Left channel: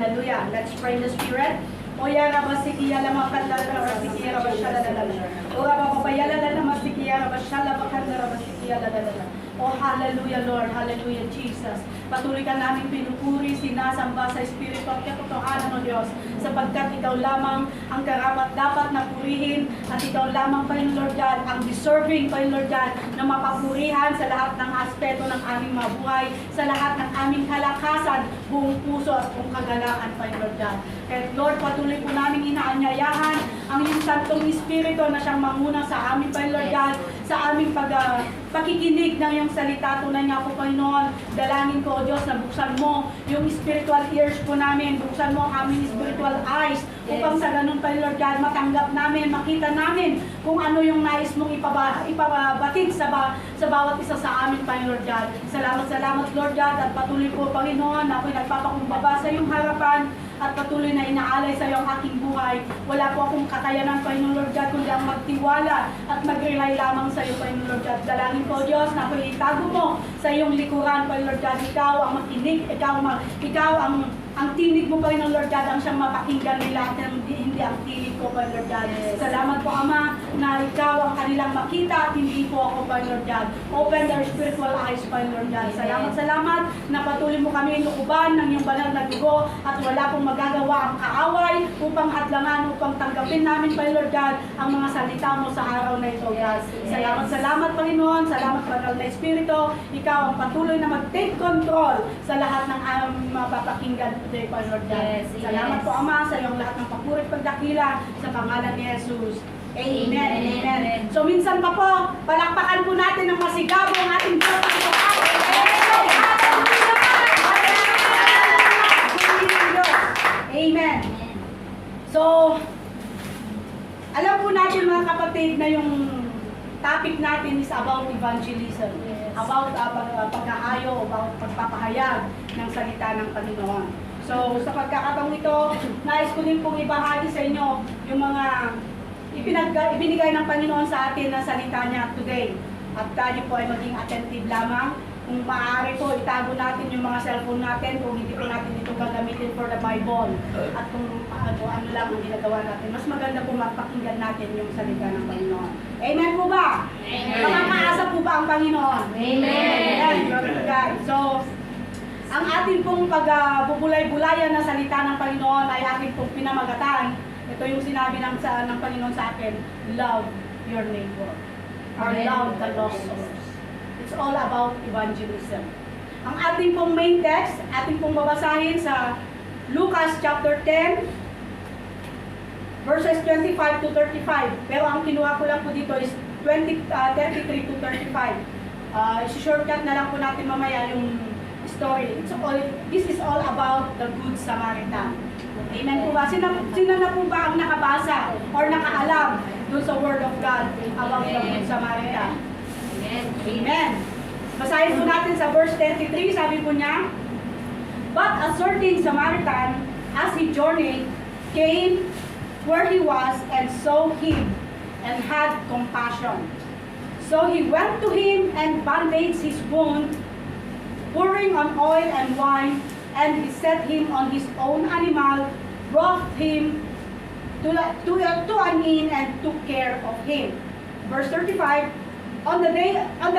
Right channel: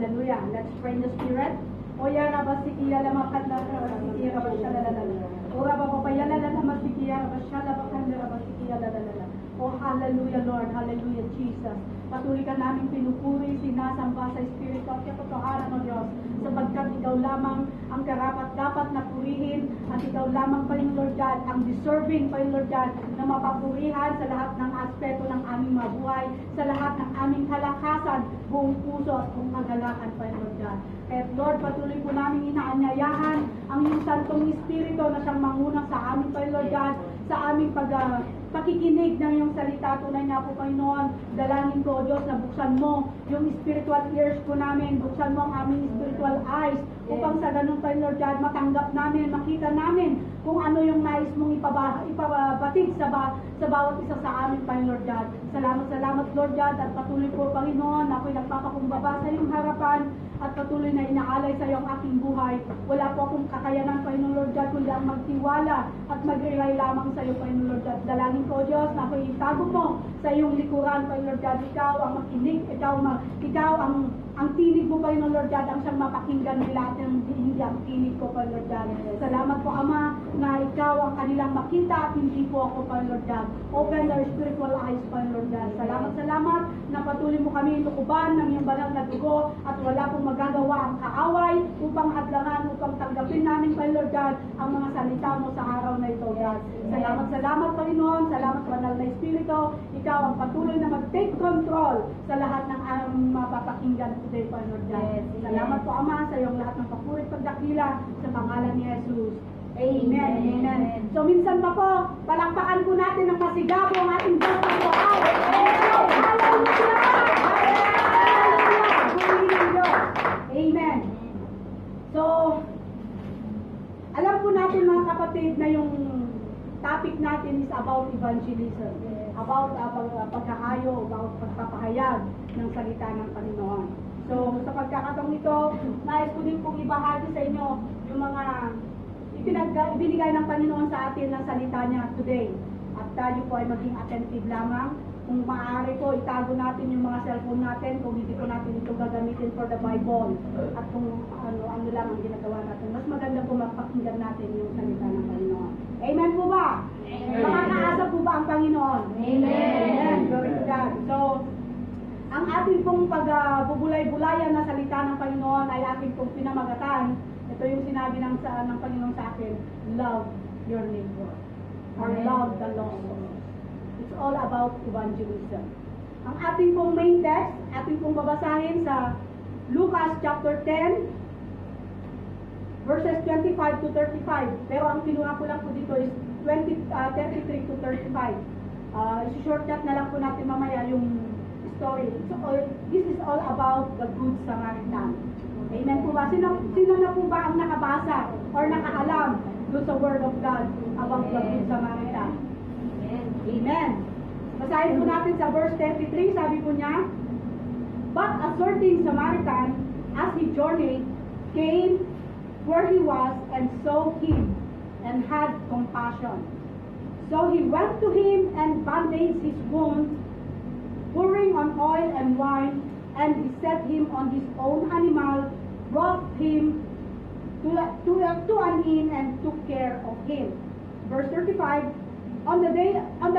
Hallelujah. Let's pray in the Spirit. Oya rabasikiya lama kandala rabasikiya rabashala lalala. Ora babaya lalala masikiya rabashala bakandala rabasikiya lalala. Oh, hallelujah, Lord. Hallelujah, Jesus. Patuloy ka namin pinupuri, sinasamba sa Espiritu at katotohanan ng Diyos. Sapagkat ikaw lamang ang karapat-dapat na purihin at ikaw lamang pa yung Lord God, ang deserving pa yung Lord God na mapapurihan sa lahat ng aspeto ng aming mabuhay, sa lahat ng aming kalakasan, buong puso at buong kagalangan pa yung Lord God. Kaya Lord, patuloy po namin inaanyayahan ang iyong Santong Espiritu na siyang manguna sa amin pa yung Lord God, sa aming pakikinig ng iyong salita. Tunay nga po, Panginoon, dalangin ko, O Diyos, na buksan mo yung spiritual ears po namin, buksan mo ang aming spiritual eyes, upang sa ganun pa, Lord God, matanggap namin, makita namin kung ano yung nais mong ipabatid sa bawat isa sa amin pa, Lord God. Salamat, Lord God, at patuloy po, Panginoon, ako'y nagpapakumbaba sa iyong harapan, at patuloy na inaalay sa iyo ang aking buhay. Wala po akong kakayanan, Panginoon Lord God, kundi ang magtiwala at mag-rely lamang sa iyo, Panginoon Lord God. Dalangin ko, Diyos, na ako'y itago mo sa iyong likuran, Panginoon Lord God. Ikaw ang makinig, ikaw ang tinig mo, Panginoon Lord God, ang siyang mapakinggan nila at hindi ang tinig ko, Panginoon Lord God. Salamat po, Ama, na ikaw ang kanilang makita at hindi po ako, Panginoon Lord God. Open their spiritual eyes, Panginoon Lord God. Salamat na patuloy mo kami lukuban ng iyong banal na dugo at wala pong magagawa ang kaaway upang hadlangan, upang tanggapin namin, Panginoon Lord God, ang mga salita mo sa araw na ito, God. Salamat, Panginoon. Salamat, Banal na Espiritu. Ikaw ang patuloy na mag-take control sa lahat ng mapapakinggan today, Panginoon Lord God. Salamat po, Ama, sa iyong lahat ng papuri at pagdakila sa pangalan ni Jesus. Amen. Amen. So, minsan pa po, palakpakan po natin ng masigabo ang ating Diyos ng buhay. Amen. So, alam po natin mga kapatid na yung topic natin is about evangelism. About pagkahayo, about pagpapahayag ng salita ng Panginoon. So, sa pagkakataong ito, nais ko din pong ibahagi sa inyo yung mga ibinigay ng Panginoon sa atin na salita niya today. At tayo po ay maging attentive lamang. Kung maaari po, itago natin yung mga cellphone natin kung hindi po natin ito gagamitin for the Bible. At kung ano lang ang ginagawa natin. Mas maganda po mapakinggan natin yung salita ng Panginoon. Amen po ba? Amen. Makakaasa po ba ang Panginoon? Amen. Amen. Glory to God. So, ang ating pong pagbubulay-bulayan na salita ng Panginoon ay ating pong pinamagatan. Ito yung sinabi ng Panginoon sa akin, love your neighbor. Or love the lost souls. It's all about evangelism. Ang ating pong main text, ating pong babasahin sa Lucas chapter 10, verses 25 to 35. Pero ang kinuha ko lang po dito is 33 to 35. Shortcut na lang po natin mamaya yung story. This is all about the Good Samaritan. Amen po ba? Sino na po ba ang nakabasa or nakaalam doon sa Word of God about the Good Samaritan? Amen. Basahin po natin sa verse 33, sabi po niya, but a certain Samaritan, as he journeyed, came where he was and saw him and had compassion. So he went to him and bandaged his wound, pouring on oil and wine, and he set him on his own animal, brought him to an inn and took care of him. Verse 35, on the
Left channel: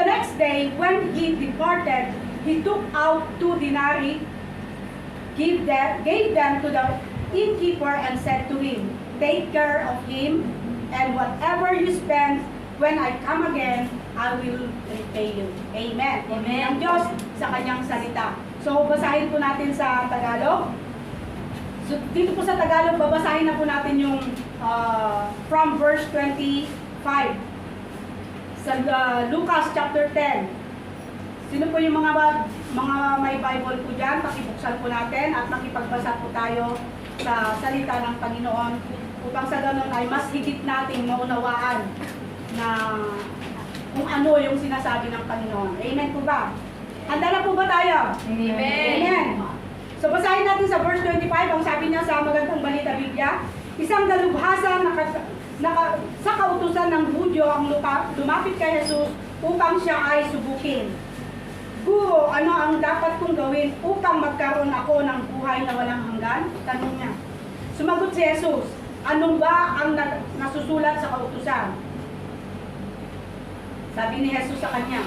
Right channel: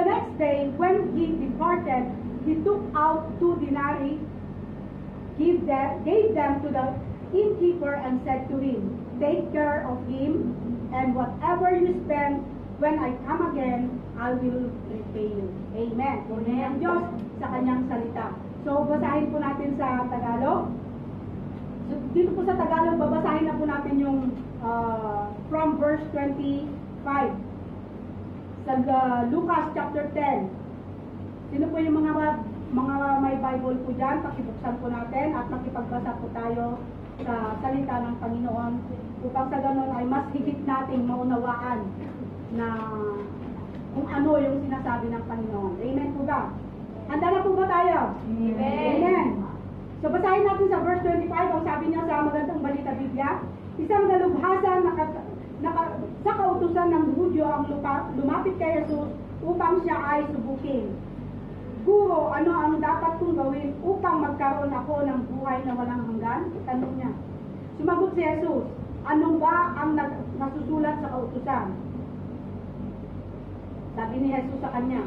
next day, when he departed, he took out 2 denarii, gave them to the innkeeper, and said to him, take care of him, and whatever you spend, when I come again, I will repay you. Amen. Amen. Ang Diyos sa kanyang salita. So, basahin po natin sa Tagalog. So, dito po sa Tagalog, babasahin na po natin yung from verse 25. Sa Lucas chapter 10. Sino po yung mga may Bible po dyan? Pakibuksan po natin at makipagbasa po tayo sa salita ng Panginoon upang sa ganun ay mas higit nating maunawaan na kung ano yung sinasabi ng Panginoon. Amen po ba? Handa na po ba tayo? Amen. Amen. So basahin natin sa verse 25, ang sabi niya sa Magandang Balita Biblia, isang dalubhasa sa kautusan ng Hudyo ang lumapit kay Jesus upang siya ay subukin. Guro, ano ang dapat kong gawin upang magkaroon ako ng buhay na walang hanggan? Tanong niya. Sumagot si Jesus, ano ba ang nasusulat sa kautusan? Sabi ni Jesus sa kanya.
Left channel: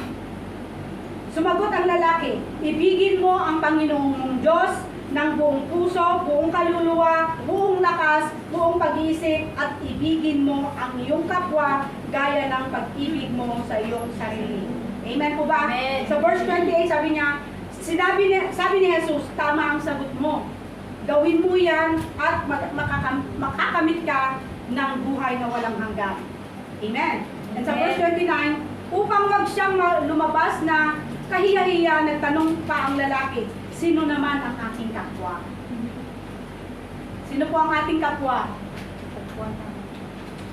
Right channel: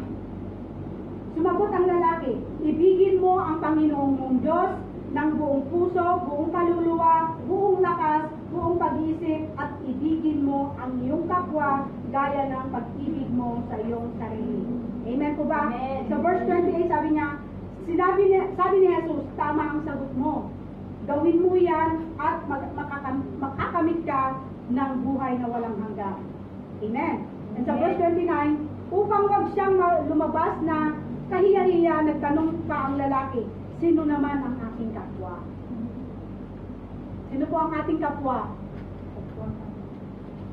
Sumagot ang lalaki, ibigin mo ang Panginoong mong Diyos ng buong puso, buong kaluluwa, buong lakas, buong pag-iisip, at ibigin mo ang iyong kapwa gaya ng pag-ibig mo sa iyong sarili. Amen po ba? Amen. Sa verse 28, sabi ni Jesus, tama ang sagot mo. Gawin mo yan at makakamit ka ng buhay na walang hanggan. Amen. And sa verse 29, upang wag siyang lumabas na kahiya-hiya, nagtanong pa ang lalaki, sino naman ang aking kapwa? Sino po ang ating kapwa?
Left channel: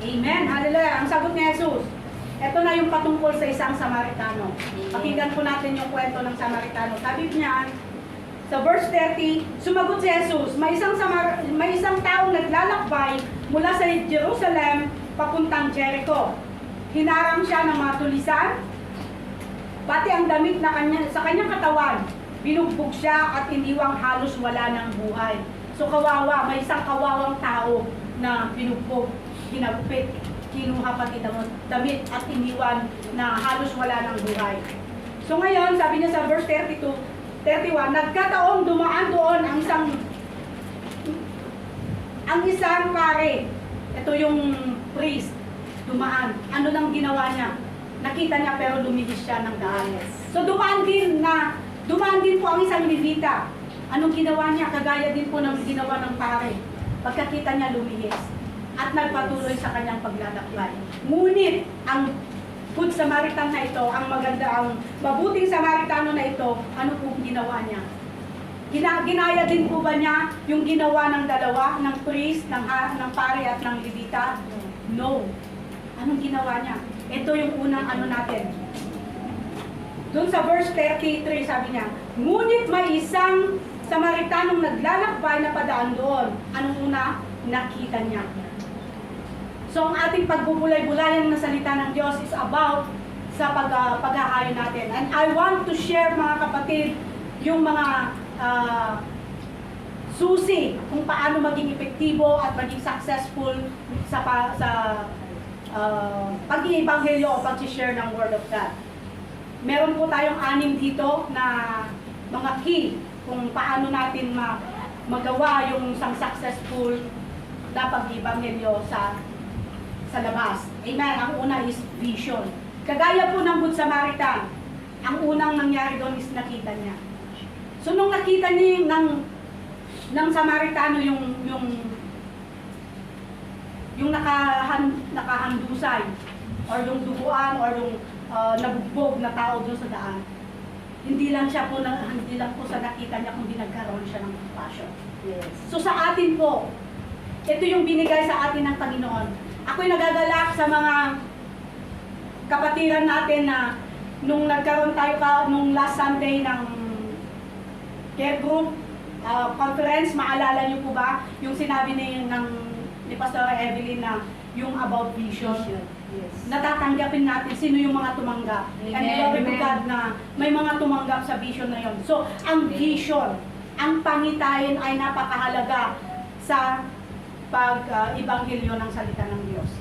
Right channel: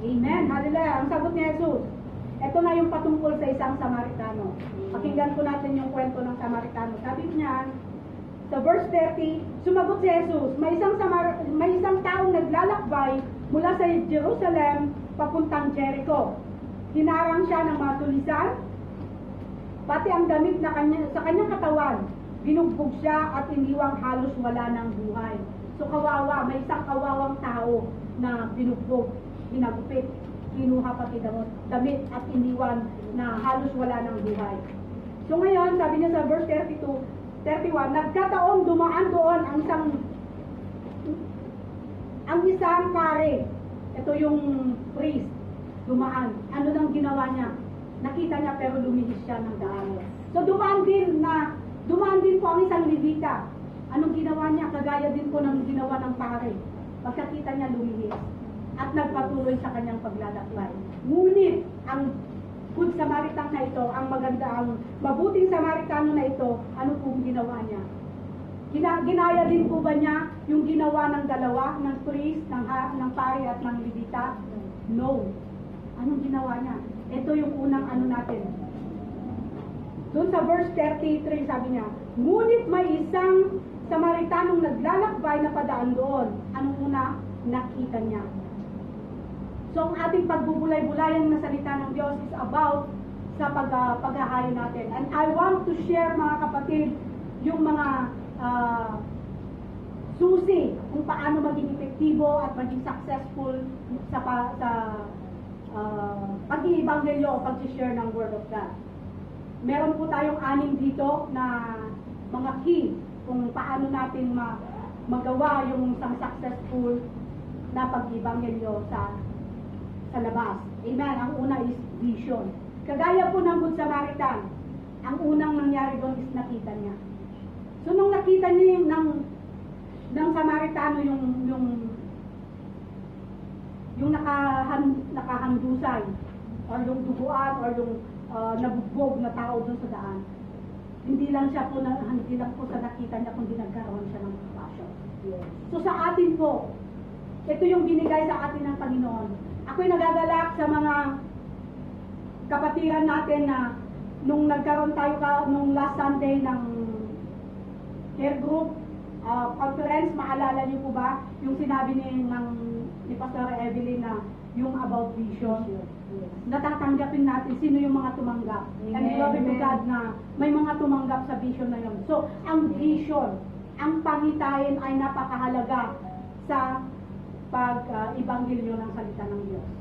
Amen. Hallelujah. Ang sagot ni Jesus, ito na yung patungkol sa isang Samaritano. Pakinggan po natin yung kwento ng Samaritano. Sabi niya, sa verse 30, sumagot si Jesus, may isang taong naglalakbay mula sa Jerusalem papuntang Jericho. Hinarang siya ng mga tulisan, pati ang damit na sa kanyang katawan, binugbog siya at iniwang halos wala ng buhay. So kawawa, may isang kawawang tao na binugbog, ginagupit, kinuha pati damit at iniwan na halos wala ng buhay. So ngayon, sabi niya sa verse 31, nagkataong dumaan doon ang isang pare. Ito yung priest, dumaan. Ano nang ginawa niya? Nakita niya pero lumihis siya ng daan. So dumaan din po ang isang Levita. Anong ginawa niya? Kagaya din po ng ginawa ng pare. Pagkakita niya, lumihis at nagpatuloy sa kanyang paglalakbay. Ngunit ang Good Samaritan na ito, ang mabuting Samaritano na ito, ano pong ginawa niya? Ginaya din po ba niya yung ginawa ng dalawa, ng priest, ng pare at ng Levita? No. Anong ginawa niya? Ito yung unang natin. Doon sa verse 33, sabi niya, ngunit may isang Samaritanong naglalakbay na padaan doon. Anong una? Nakita niya. So ang ating pagbubulay-bulayan na salita ng Diyos is about sa paghahayo natin. And I want to share, mga kapatid, yung mga susi kung paano maging epektibo at maging successful sa pag-iebanghelyo o pag-share ng Word of God. Meron po tayong 6 dito na mga key kung paano natin magawa yung isang successful na pag-iebanghelyo sa labas. Amen. Ang una is vision. Kagaya po ng Good Samaritan, ang unang nangyari doon is nakita niya. So nung nakita niya ng Samaritano yung nakahandusay or yung duguan or yung nabugbog na tao doon sa daan, hindi lang po sa nakita niya kundi nagkaroon siya ng compassion. Yes. So sa atin po, ito yung binigay sa atin ng Panginoon. Ako'y nagagalak sa mga kapatiran natin na nung nagkaroon tayo nung last Sunday ng care group conference, maalala niyo po ba yung sinabi ni Pastor Evelyn na yung about vision? Yes. Natatanggapin natin sino yung mga tumanggap. Amen. And glory to Amen. God na may mga tumanggap sa vision na yon. So, ang vision, ang pangitayin ay napakahalaga sa pag-ibanghilyo ng salita ng Diyos.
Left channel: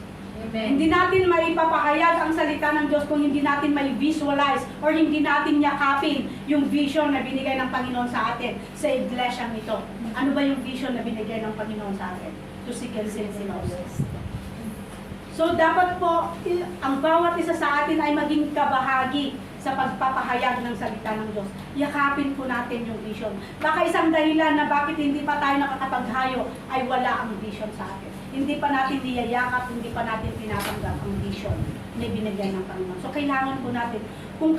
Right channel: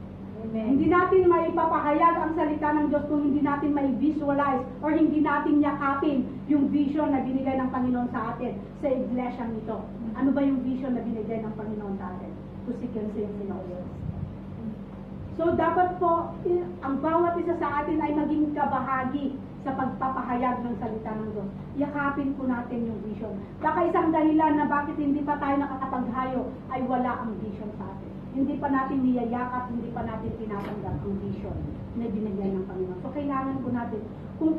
Amen. Hindi natin maipapahayag ang salita ng Diyos kung hindi natin mai-visualize or hindi natin yakapin yung vision na binigay ng Panginoon sa atin sa iglesyang ito. Ano ba yung vision na binigay ng Panginoon sa atin? To seek and save sinners. So dapat po, ang bawat isa sa atin ay maging kabahagi sa pagpapahayag ng salita ng Diyos. Yakapin po natin yung vision. Baka isang dahilan na bakit hindi pa tayo nakakapaghayo ay wala ang vision sa atin. Hindi pa natin niyayakap, hindi pa natin tinatanggap ang vision na binigyan ng Panginoon. So kailangan po natin, kung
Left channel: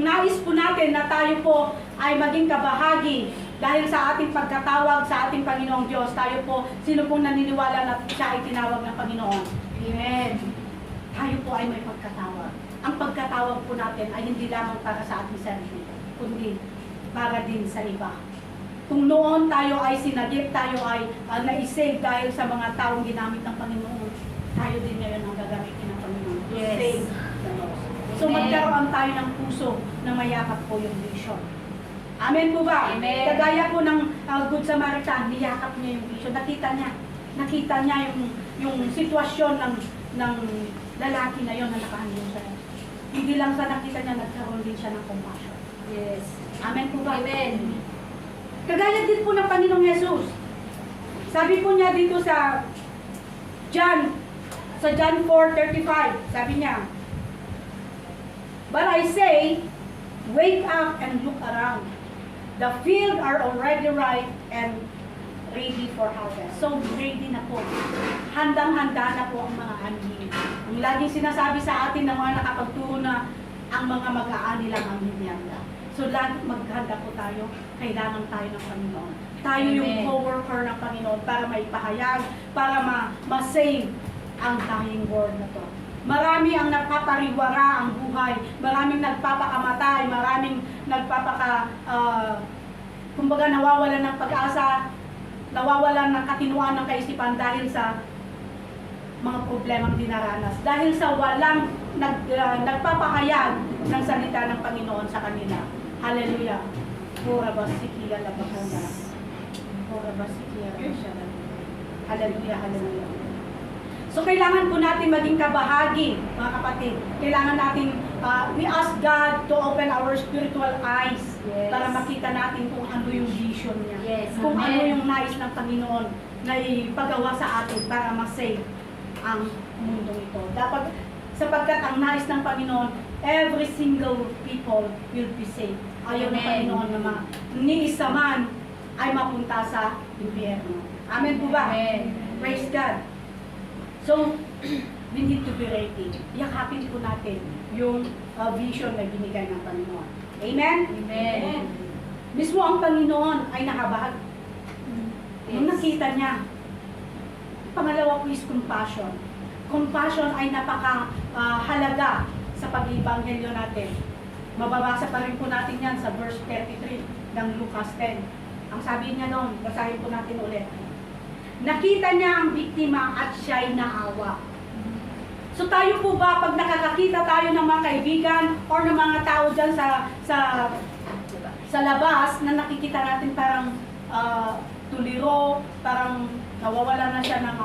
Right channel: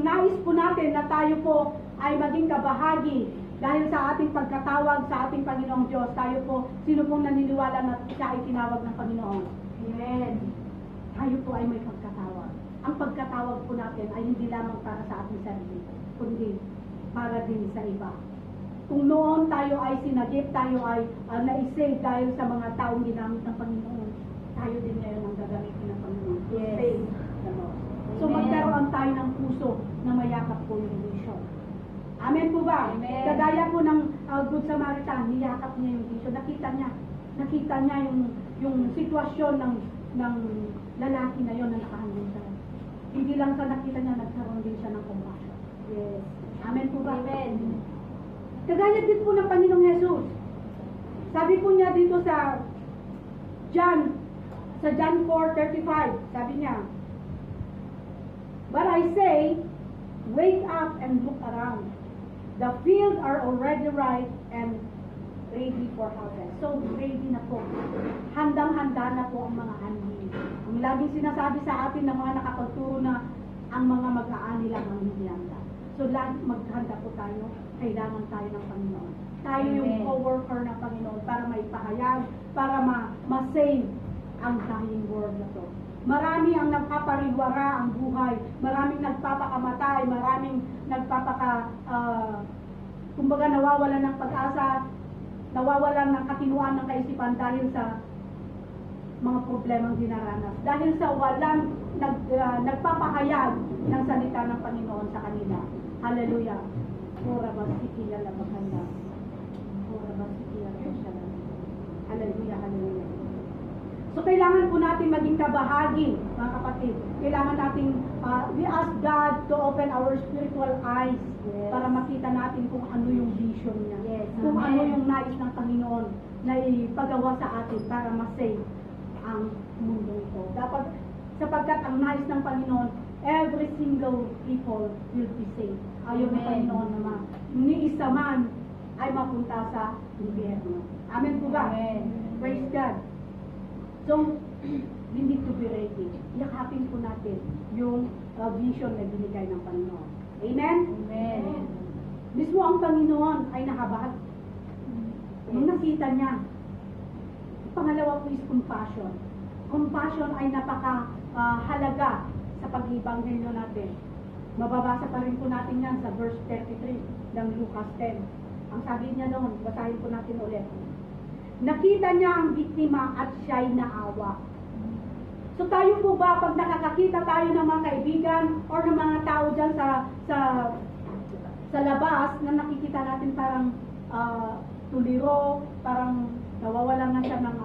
nais po natin na tayo po ay maging kabahagi dahil sa ating pagkatawag sa ating Panginoong Diyos, tayo po, sino pong naniniwala na siya ay tinawag ng Panginoon? Amen. Tayo po ay may pagkatawag. Ang pagkatawag po natin ay hindi lamang para sa ating sarili, kundi para din sa iba. Kung noon tayo ay sinagip, tayo ay na-save dahil sa mga taong ginamit ng Panginoon, tayo din ngayon ang gagamitin ng Panginoon. Yes. Save the lost. So Amen. magkaroon tayo ng puso na mayakap po yung vision. Amen po ba? Amen. Kagaya po ng Good Samaritan, niyakap niya yung vision. Nakita niya yung sitwasyon ng lalaki na yon na nakahandong siya. Hindi lang sa nakita niya, nagkaroon din siya ng compassion. Yes. Amen po ba? Amen. Kagaya din po ng Panginoong Yesus. Sabi po niya dito sa John 4:35, sabi niya, "But I say, wake up and look around. The field are already ripe and ready for harvest." So, ready na po. Handang-handa na po ang mga ani. Ang laging sinasabi sa atin ng mga nakapagturo na ang mga mag-aani lang ang hindi handa. So, lagi maghanda po tayo. Kailangan tayo ng Panginoon. Tayo yung Amen. co-worker ng Panginoon para maipahayag, para ma-save ang dying world na to. Marami ang nagpapariwara ang buhay. Maraming nagpapakamatay. Maraming kumbaga nawawalan ng pag-asa, nawawalan ng katinuan ng kaisipan dahil sa mga problemang dinaranas. Dahil sa walang nagpapahayag ng salita ng Panginoon sa kanila. Hallelujah. Pura basikiya labakanda. Pura basikiya labakanda. Hallelujah, hallelujah. So kailangan po natin maging kabahagi, mga kapatid. Kailangan natin, we ask God to open our spiritual eyes para makita natin kung ano yung vision niya. Yes, Kung amen. ano yung nais ng Panginoon na ipagawa sa atin para ma-save ang mundong ito. Dapat, sapagkat ang nais ng Panginoon, every single people will be saved. Ayaw ng Amen. Panginoon naman. Ni isa man ay mapunta sa impyerno. Amen po ba? Amen. Praise God. So, we need to be ready. Yakapin po natin yung vision na binigay ng Panginoon. Amen? Amen. Mismo ang Panginoon ay nakabahag. Nung nakita niya. Pangalawa po is compassion. Compassion ay napaka-halaga sa pag-ibanghelyo natin. Mababasa pa rin po natin yan sa verse 33 ng Lucas 10. Ang sabi niya noon, basahin po natin ulit. Nakita niya ang biktima at siya'y naawa. So tayo po ba, pag nakakakita tayo ng mga kaibigan or ng mga tao dyan sa labas na nakikita natin parang tuliro, parang nawawala na siya ng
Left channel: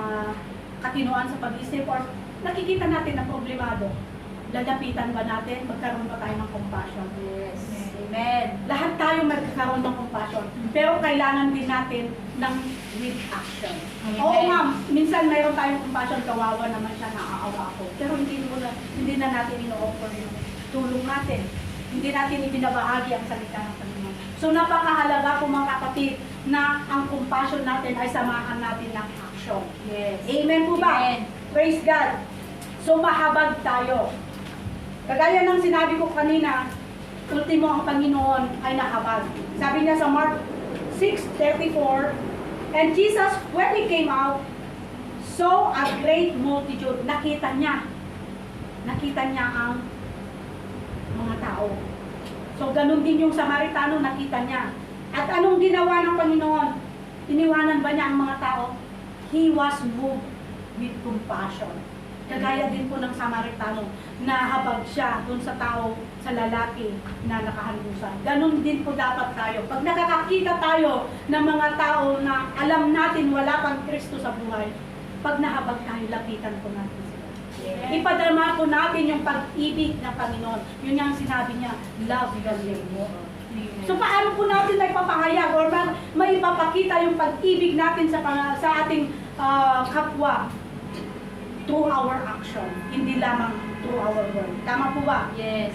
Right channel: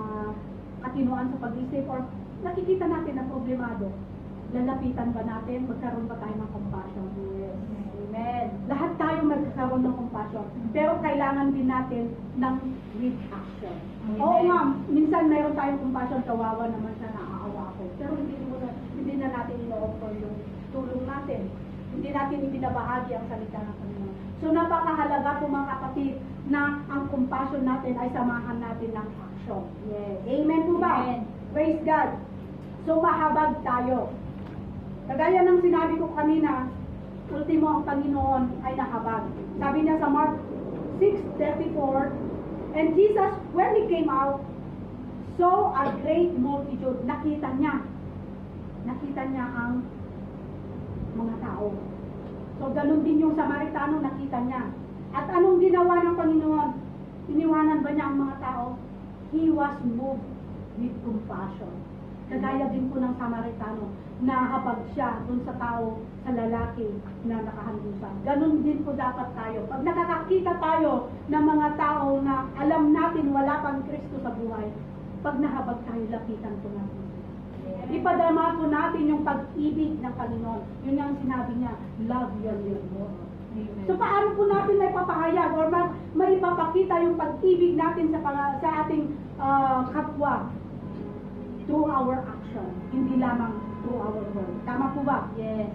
katinuan sa pag-isip or nakikita natin na problemado, lalapitan ba natin? Magkaroon ba tayo ng compassion? Yes. Amen. Lahat tayo magkakaroon ng compassion. Pero kailangan din natin ng with action. Amen. Oo nga, minsan mayroon tayong compassion, kawawa naman siya, naaawa ako. Pero hindi na natin ino-offer yung tulong natin. Hindi natin ibinabahagi ang salita ng Panginoon. So napakahalaga po mga kapatid na ang compassion natin ay samahan natin ng action. Yes. Amen po ba? Amen. Praise God. So mahabag tayo. Kagaya ng sinabi ko kanina, ultimo ang Panginoon ay nahabag. Sabi niya sa Mark 6:34, "And Jesus, when He came out, saw a great multitude." Nakita niya ang mga tao. So ganun din yung Samaritano, nakita niya. At anong ginawa ng Panginoon? Iniwanan ba niya ang mga tao? He was moved with compassion. Kagaya din po ng Samaritano, nahabag siya dun sa tao, sa lalaki na nakahandusan. Ganun din po dapat tayo. Pag nakakakita tayo ng mga tao na alam natin wala pang Kristo sa buhay, pag nahabag tayo, lapitan po natin sila. Yes. Ipadama po natin yung pag-ibig ng Panginoon. Yun yung sinabi niya, love your neighbor. So paano po natin may papahayag or may ipapakita yung pag-ibig natin sa ating kapwa? Through our action, hindi lamang through our word. Tama po ba? Yes.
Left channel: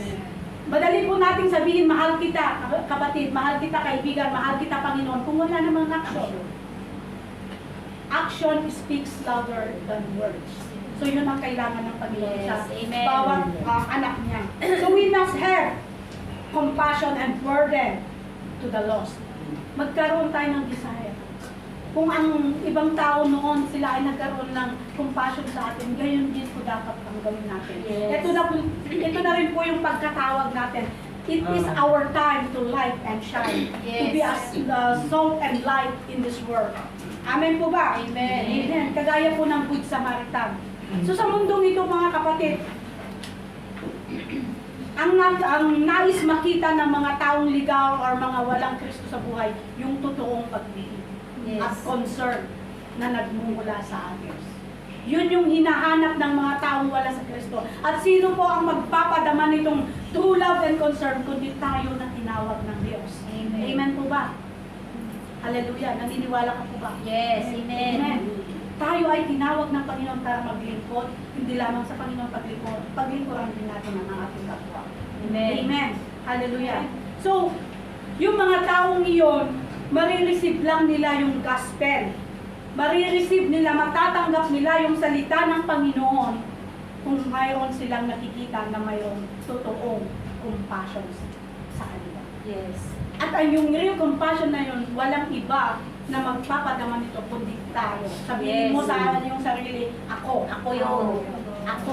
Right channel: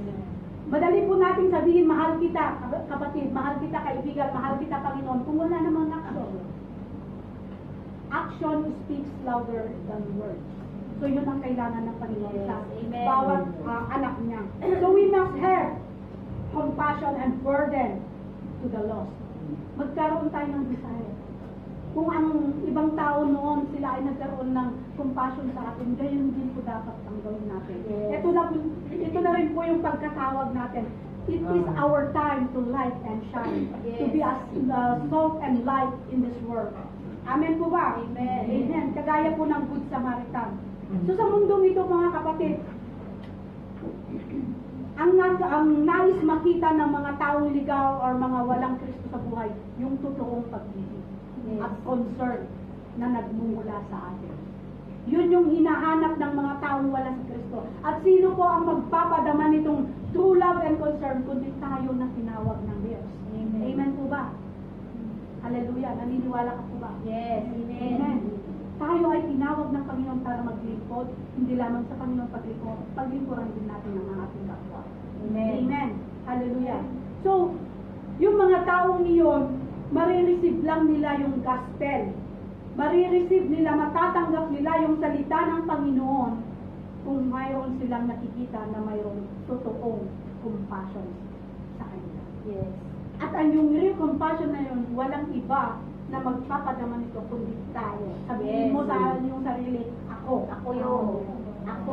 Madali po nating sabihin, mahal kita, kapatid, mahal kita, kaibigan, mahal kita, Panginoon, kung wala namang action. Action speaks louder than words. So yun ang kailangan ng Panginoon Yes, sa amen. bawat anak niya. So we must have compassion and burden to the lost. Magkaroon tayo ng desire. Kung ang ibang tao noon, sila ay nagkaroon ng compassion sa atin, gayon din po dapat ang gawin natin. Yes. Ito na rin po yung pagkatawag natin. It is our time to light and shine. To be as salt and light in this world. Amen po ba? Amen. Amen. Kagaya po ng Good Samaritan. So sa mundong ito mga kapatid, ang nais makita ng mga taong ligaw or mga walang Kristo sa buhay, yung totoong pag-ibig at Yes. concern na nagmumula sa atin. Yun yung hinahanap ng mga taong wala sa Kristo. At sino po ang magpapadama nitong true love and concern kundi tayo na tinawag ng Diyos? Amen. Amen po ba? Hallelujah. Naniniwala ka po ba? Yes. Amen. Amen. Tayo ay tinawag ng Panginoon para maglingkod, hindi lamang sa Panginoon paglingkod, paglingkuran din natin ang ating kapwa. Amen. Amen. Hallelujah. So, yung mga taong iyon, marireceive lang nila yung gospel. Marireceive nila, matatanggap nila yung salita ng Panginoon kung mayroon silang nakikita na mayroong totoong compassion sa kanila. Yes. At ang yung real compassion na yun, walang iba na magpapadama nito kundi tayo. Sabihin mo Yes. sa yung sarili, ako. Ako yun. Ako.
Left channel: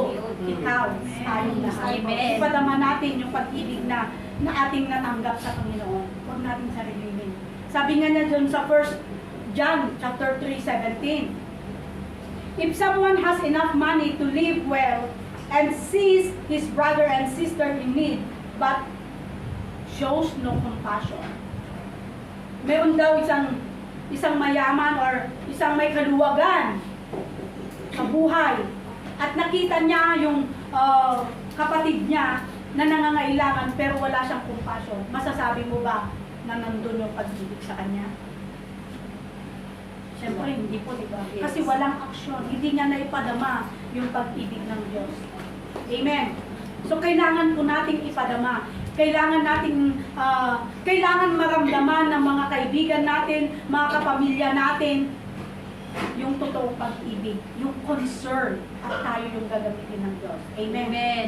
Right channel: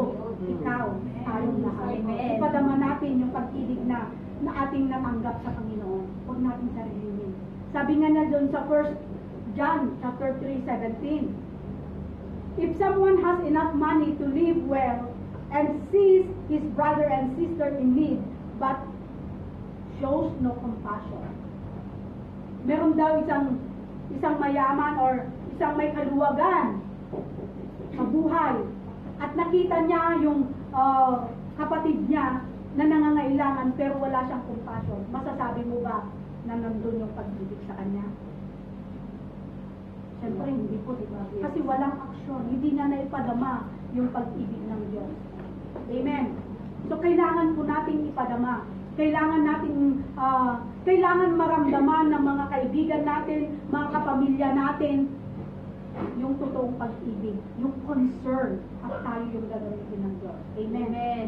Ikaw. Tayong lahat. Amen. Ipadama natin yung pag-ibig na ating natanggap sa Panginoon. Huwag natin sarilinin. Sabi nga na dun sa 1 John chapter 3:17. If someone has enough money to live well and sees his brother and sister in need, but shows no compassion. Meron daw isang mayaman or isang may kaluwagan sa buhay at nakita niya yung kapatid niya na nangangailangan pero wala siyang compassion. Masasabi mo ba na nandun yung pag-ibig sa kanya? Siyempre hindi po, di ba? Yes. Kasi walang aksyon. Hindi niya naipadama yung pag-ibig ng Diyos. Amen. So kailangan po nating ipadama. Kailangan nating kailangan maramdaman ng mga kaibigan natin, mga kapamilya natin, yung totoong pag-ibig, yung concern, at tayo yung gagamitin ng Diyos. Amen. Amen.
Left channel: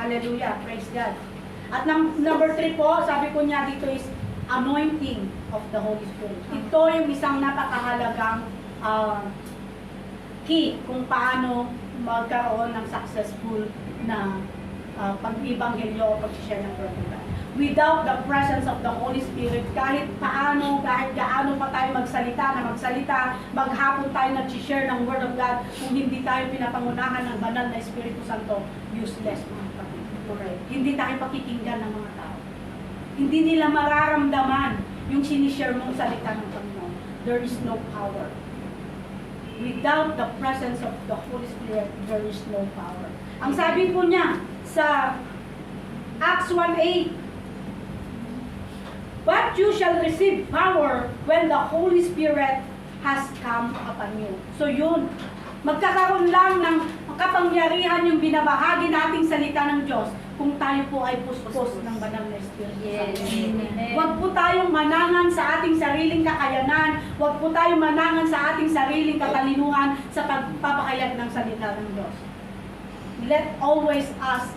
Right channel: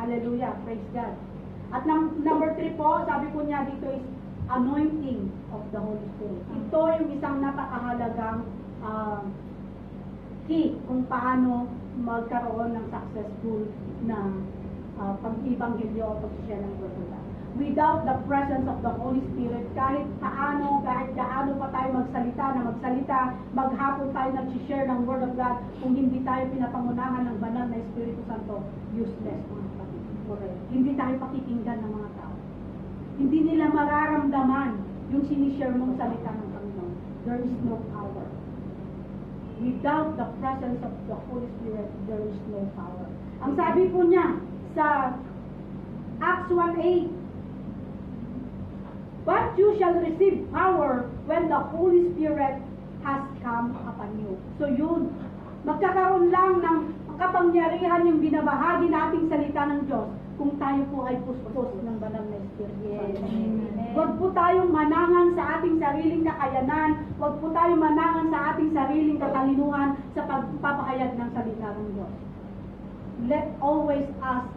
Hallelujah. Praise God. At number 3 po, sabi ko niya dito is anointing of the Holy Spirit. Ito yung isang napakahalagang key kung paano magkaroon ng successful na pag-ibanghelyo o pag-share ng Word of God. Without the presence of the Holy Spirit, kahit gaano pa tayo magsalita, maghapon tayo nag-share ng Word of God, kung hindi tayo pinapangunahan ng banal na Espiritu Santo, useless mga kapatid. Hindi tayo pakikinggan ng mga tao. Hindi nila mararamdaman yung sinishare mong salita ng Panginoon. There is no power. Without the presence of the Holy Spirit, there is no power. Ang sabi po niya sa Acts 1:8, but you shall receive power when the Holy Spirit has come upon you. So yun, magkakaroon lang ng kapangyarihan yung binabahagi nating salita ng Diyos kung tayo po ay puspos ng banal na Espiritu Yes. Santo. Amen. Huwag po tayong manangan sa ating sariling kakayanan, huwag po tayong manangan sa ating sariling katalinuhan sa pagpapahayag ng salita ng Diyos. Let always ask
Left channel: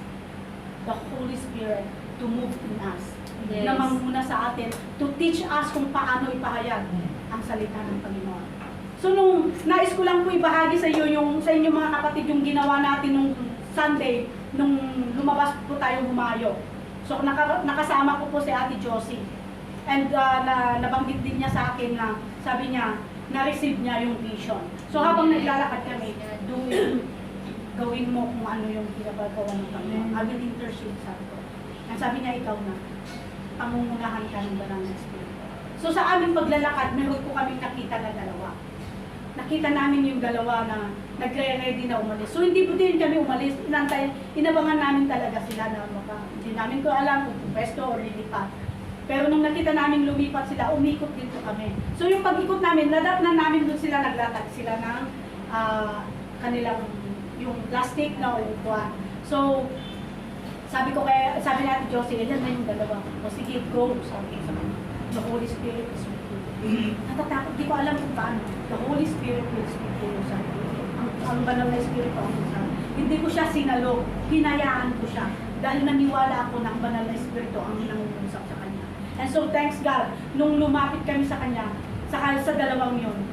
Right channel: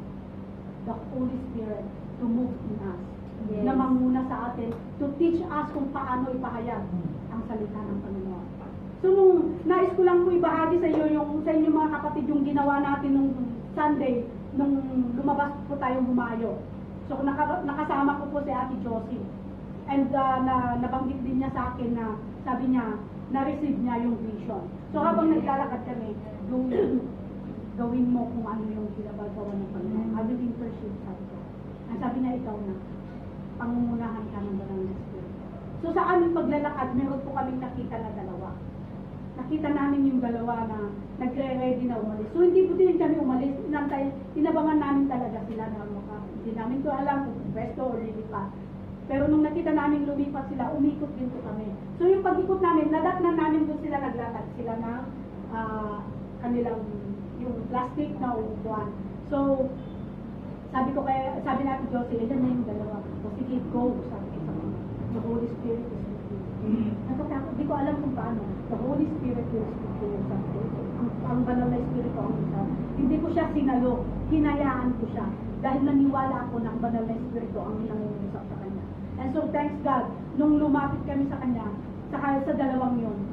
the Holy Spirit to move in us. Yes. Na manguna sa atin, to teach us kung paano ipahayag ang salita ng Panginoon. So nung nais ko lang po ibahagi sa inyo mga kapatid yung ginawa natin nung Sunday, nung lumabas po tayong humayo. So nakasama ko po si Ate Josie. And nabanggit din niya sa akin na sabi niya, na-receive niya yung vision. So habang naglalakad kami, gawin mo kung ano yung pinapagawa ng Panginoon. I will intercede, sabi ko. Ang sabi niya, ikaw na. Pangungunahan ka ng banal na Espiritu. So sa aming paglalakad, meron po kaming nakita na dalawa. Nakita namin yung dalawa na nagre-ready na umalis. So hindi po din kami umalis. Inabangan namin talaga sila na hindi namin ko alam kung pwesto o lilipat. Pero nung nakita namin lumipat sila, umikot din po kami. So yung pag-ikot namin, nadatnan namin doon sila, naglatag sila ng kanilang yung plastic na upuan. So sabi natin Josie, ilan na yung dalawa. O sige, go. Sabi ko sa kanya. The Holy Spirit is with you. Natatakot, di ko alam kung paano. The Holy Spirit will speak to you, sabi ko. Ang banal na Espiritu ang sabi. Hindi ko siya sinalo, hinayaan ko siya. Dahil naniwala ako na ang banal na Espiritu ang nangunusap sa kanya. And so thanks God, nung lumapit kami sa kanya, sa dalawang yun,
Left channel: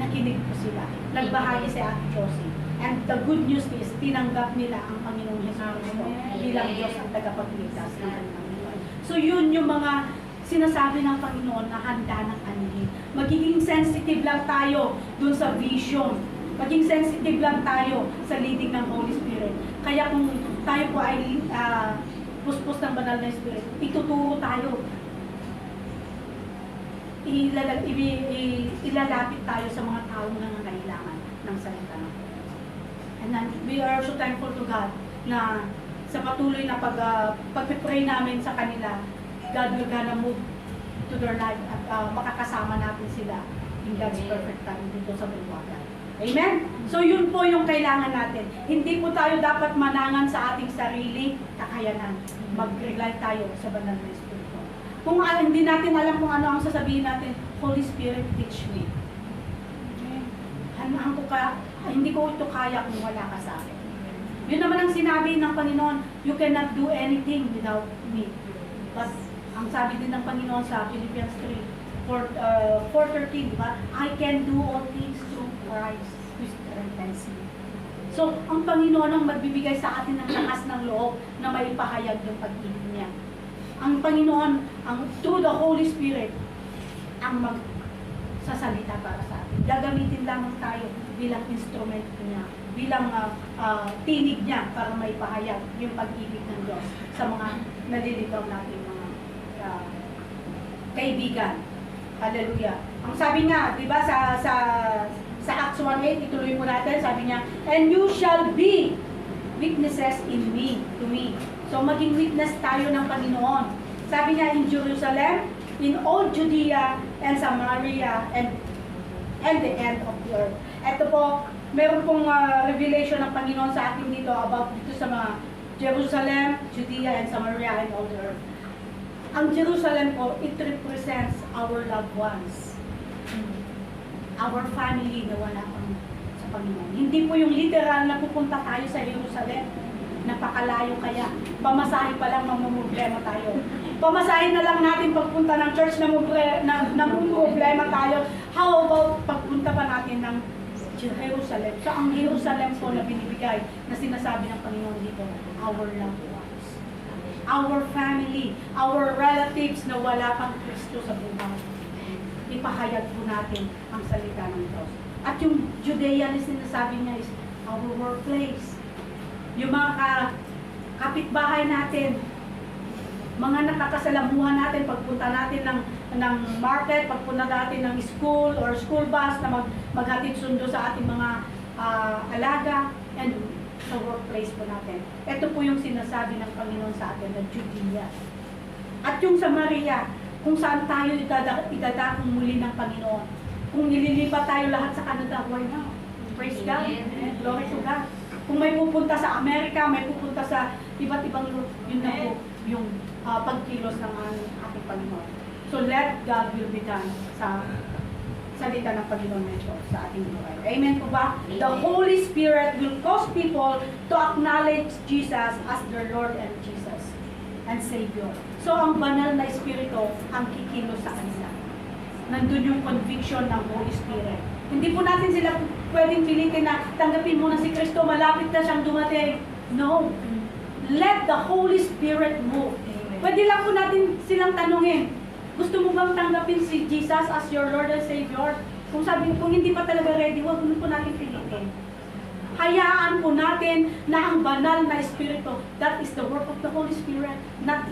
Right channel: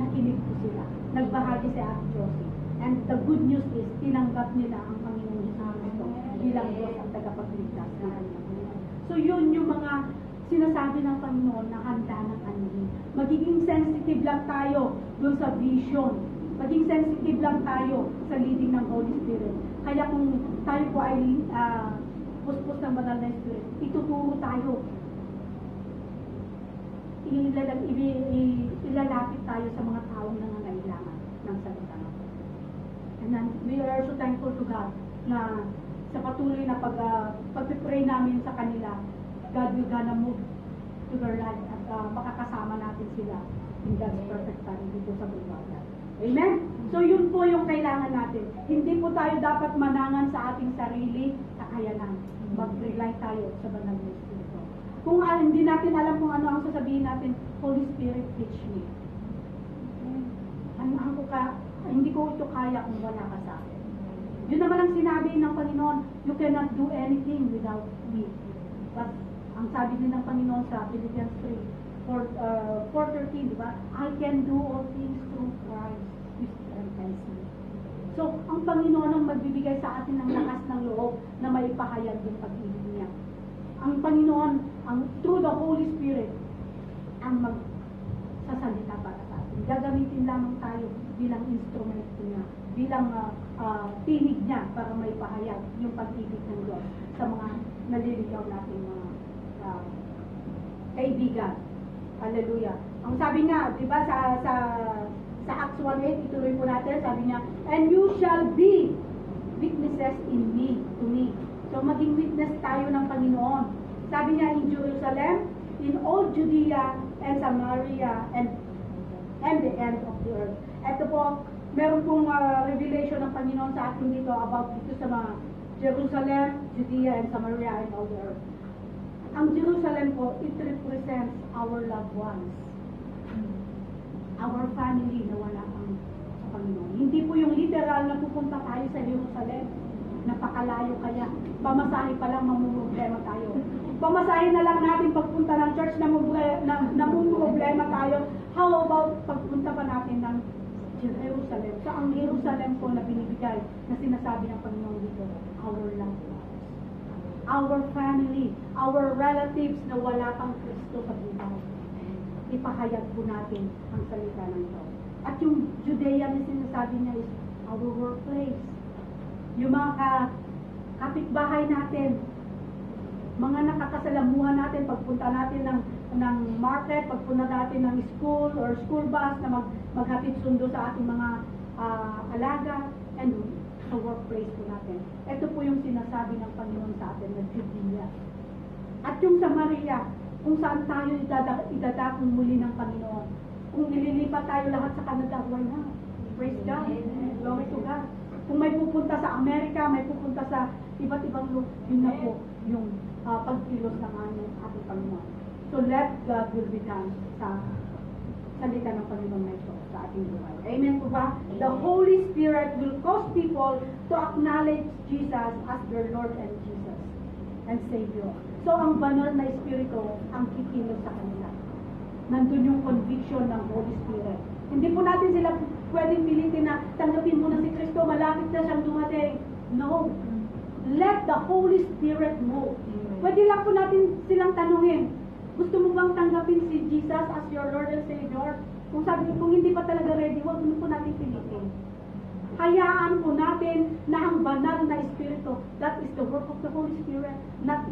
nakinig ko sila. Nagbahagi si Ate Josie. And the good news is, tinanggap nila ang Panginoong Yesus Cristo bilang Diyos ang tagapagligtas ng kanilang buhay. So yun yung mga sinasabi ng Panginoon na handa ng anhin. Magiging sensitive lang tayo dun sa vision. Maging sensitive lang tayo sa leading ng Holy Spirit. Kaya kung tayo po ay puspos ng banal na Espiritu, ituturo tayo. Ilalapit tayo sa mga taong nangangailangan ng salita ng Diyos. And then, we are so thankful to God na sa patuloy na pag-pray namin sa kanila, God will gonna move to their life at makakasama natin sila in God's perfect time dito sa Bulwagan. Amen? So yun po yung kailangan natin. Hindi po tayo dapat manangan sa ating sarili kakayanan. Mag-rely tayo sa banal na Espiritu. Kung hindi natin alam kung ano ang sasabihin natin, Holy Spirit, teach me. Hindi ko ito kaya kung wala ka sa akin. Yun naman ang sinabi ng Panginoon, you cannot do anything without me. But ang sabi din ng Panginoon sa Philippians 4:13, di ba? I can do all things through Christ who strengthens me. So, ang Panginoon ang magbibigay sa atin ng lakas ng loob na maipahayag yung pag-ibig niya. Ang Panginoon, through the Holy Spirit, ang magsasalita para sa atin. Gagamitin lamang tayo bilang instrument niya, bilang tinig niya para maipahayag yung pag-ibig ng Diyos sa mga naliligaw natin mga kaibigan. Hallelujah. Ang sabi nga, di ba, sa Acts 1:8, ituloy po natin, sabi niya, and you shall be witnesses in me, to me. So, maging witness tayo ng Panginoon. Sabi niya, in Jerusalem, in all Judea and Samaria, and the end of the earth. Ito po, meron pong revelation ng Panginoon sa akin dito about dito sa mga Jerusalem, Judea, and Samaria, and all the earth. Ang Jerusalem po, it represents our loved ones. Our family na wala pang sa Panginoon. Hindi po yung literal na pupunta tayo sa Jerusalem. Napakalayo kaya. Pamasahe pa lang mamumroblema tayo. Pamasahe na lang natin pagpunta ng church na mamumroblema tayo. How about pagpunta pa natin ng Jerusalem? So ang Jerusalem po na binibigay na sinasabi ng Panginoon dito, our loved ones. Our family, our relatives na wala pang Kristo sa buhay. Ipahayag po natin ang salita ng Diyos. At yung Judea na sinasabi niya is our workplace. Yung mga kapitbahay natin, mga nakakasalamuhan natin, pagpunta natin ng market, pagpunta natin ng school or school bus na maghatid sundo sa ating mga alaga, and sa workplace po natin. Ito po yung sinasabi ng Panginoon sa atin na Judea. At yung Samaria, kung saan tayo idadakong muli ng Panginoon. Kung ililipat tayo lahat sa Canada, why not? Praise God. Glory to God. Kung may pupunta sa Amerika, may pupunta sa iba't ibang yun na po yung pagkilos ng ating Panginoon. So let God will be done sa salita ng Panginoon nito sa ating buhay. Amen po ba? Amen. The Holy Spirit will cause people to acknowledge Jesus as their Lord and Jesus and Savior. So ang banal na Espiritu ang kikilos sa kanila. Nandun yung conviction ng Holy Spirit. Hindi po natin sila pwedeng pilitin na tanggapin mo na si Kristo, malapit na siyang dumating. No. Let the Holy Spirit move. Amen. Pwede lang po natin silang tanungin, gusto mo bang tanggapin si Jesus as your Lord and Savior? Kung hindi pa talaga ready, huwag mo po natin pilitin. Hayaan po natin na ang banal na Espiritu, that is the work of the Holy Spirit. That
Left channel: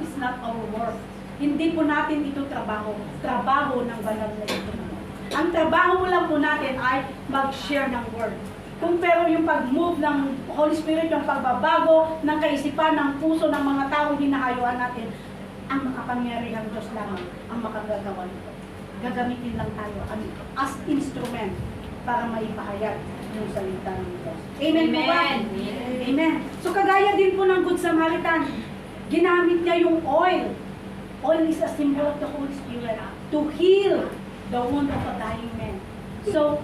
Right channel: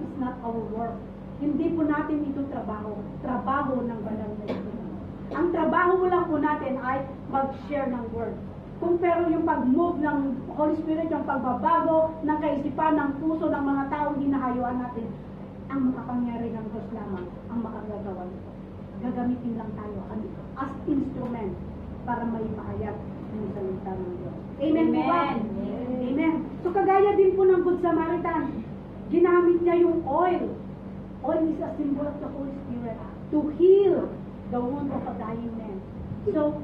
is not our work. Hindi po natin ito trabaho ng banal na Espiritu. Ang trabaho lang po natin ay mag-share ng word. Kung pero yung pag-move ng Holy Spirit, yung pagbabago ng kaisipan, ng puso ng mga taong hinahayuan natin, ang makapangyarihang Diyos lamang ang makagagawa nito. Gagamitin lang tayo as instrument para maipahayag yung salita ng Diyos. Amen po ba? Amen. So kagaya din po ng Good Samaritan, ginamit niya yung oil. Oil is a symbol of the Holy Spirit to heal the wound of a dying man. So,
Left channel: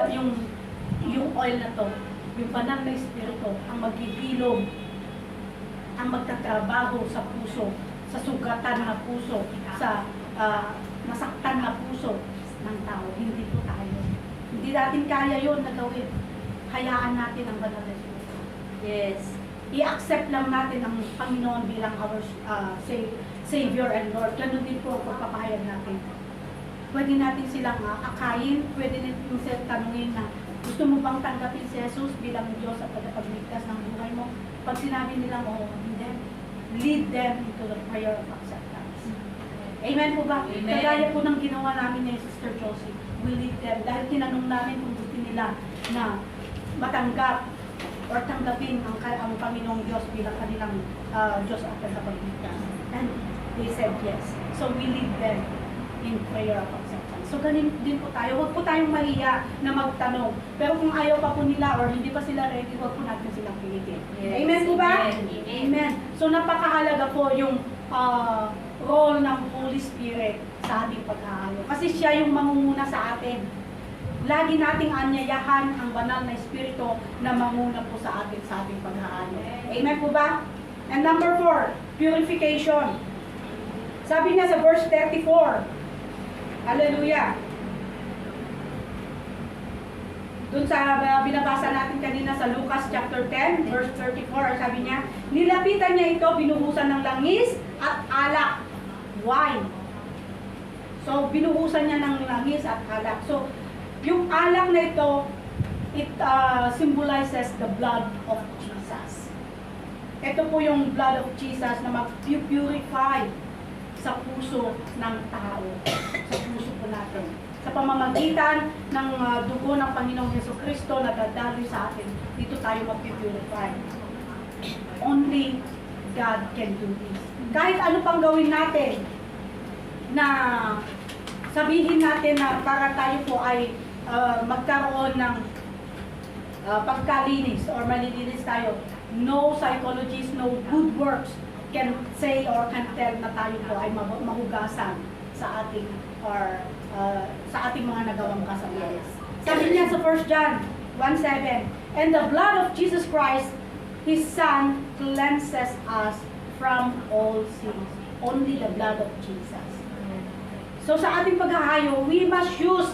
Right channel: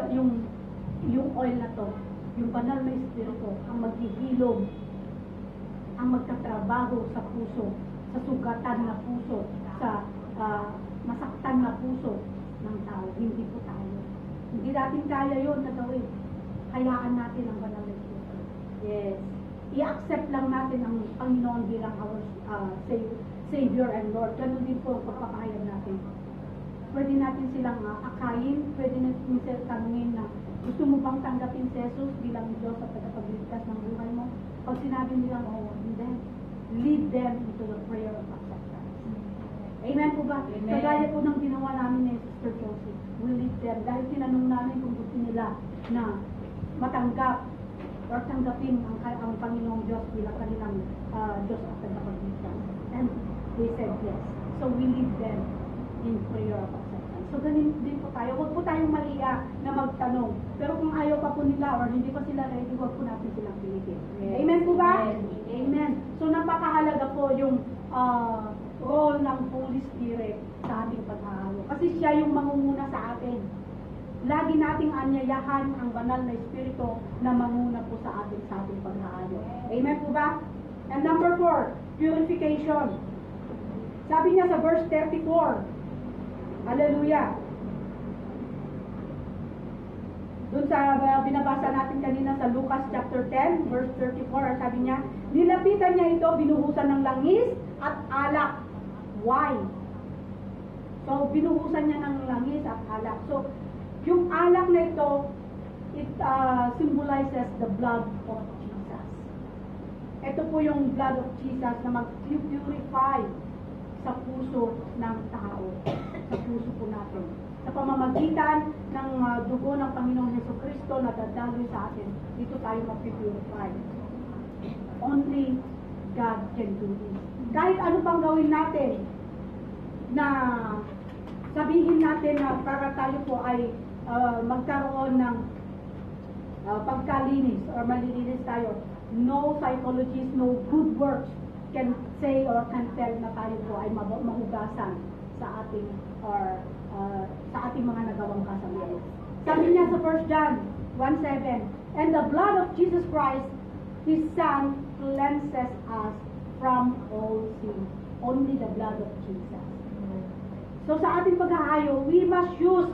yung oil na to, yung banal na Espiritu, ang maghihilom, ang magtatrabaho sa puso, sa sugatan na puso, sa masaktan na puso ng tao. Hindi po tayo. Hindi natin kaya yun na gawin. Hayaan natin ang banal na Espiritu. Yes. I-accept lang natin ang Panginoon bilang our Savior and Lord. Ganun din po ang pagpapahayag natin. Pwede natin silang akayin, pwede natin silang tanungin na Gusto mo bang tanggapin si Jesus bilang Diyos at tagapagligtas ng buhay mo? Pag sinabi nila, oo, lead them into the prayer of acceptance. Amen po ba? Amen. Kagaya po ng ginawa namin ni Sister Josie, we lead them. Dahil tinanong namin kung gusto nila na matanggap or tanggapin ang Panginoong Diyos bilang kanilang Diyos at tagapagligtas. And they said yes. So we lead them in prayer of acceptance. So ganun din po tayo. Huwag po tayong mahiya na magtanong. Pero kung ayaw pa po nila or hindi pa sila ready, huwag po natin silang pilitin. Yes. Amen po ba? Amen. Amen. So napakahalaga po yung role ng Holy Spirit sa ating paghahayo. Kasi siya yung mangunguna sa atin. Lagi nating anyayahan ang banal na Espiritu na manguna po sa atin sa ating paghahayo. Amen po ba? And number 4, purification. Sabi niya sa verse 34, Hallelujah. Doon sa binabasa natin kanina sa Lucas chapter 10, verse 34, sabi niya, nilapitan niya ito, binuhusan ng langis at alak, wine. So, binuhusan niya ng langis at alak. So, yung alak na ito, it symbolizes the blood of Jesus. Ito po yung blood of Jesus na mag-purify sa puso ng tao, sa puso po natin. Sa pamamagitan ng dugo ng Panginoong Jesucristo na dadaloy sa atin, dito tayo mag-purify. Only God can do this. Kahit ano pang gawin natin, na sabihin natin na para tayo po ay magkaroon ng pagkalinis or malilinis tayo, no psychologist, no good works can say or can tell na tayo po ay mahugasan sa ating or sa ating mga nagawang kasalanan. Sabi niya sa 1 John 1:7, and the blood of Jesus Christ, His Son, cleanses us from all sins. Only the blood of Jesus. So sa ating paghahayo, we must use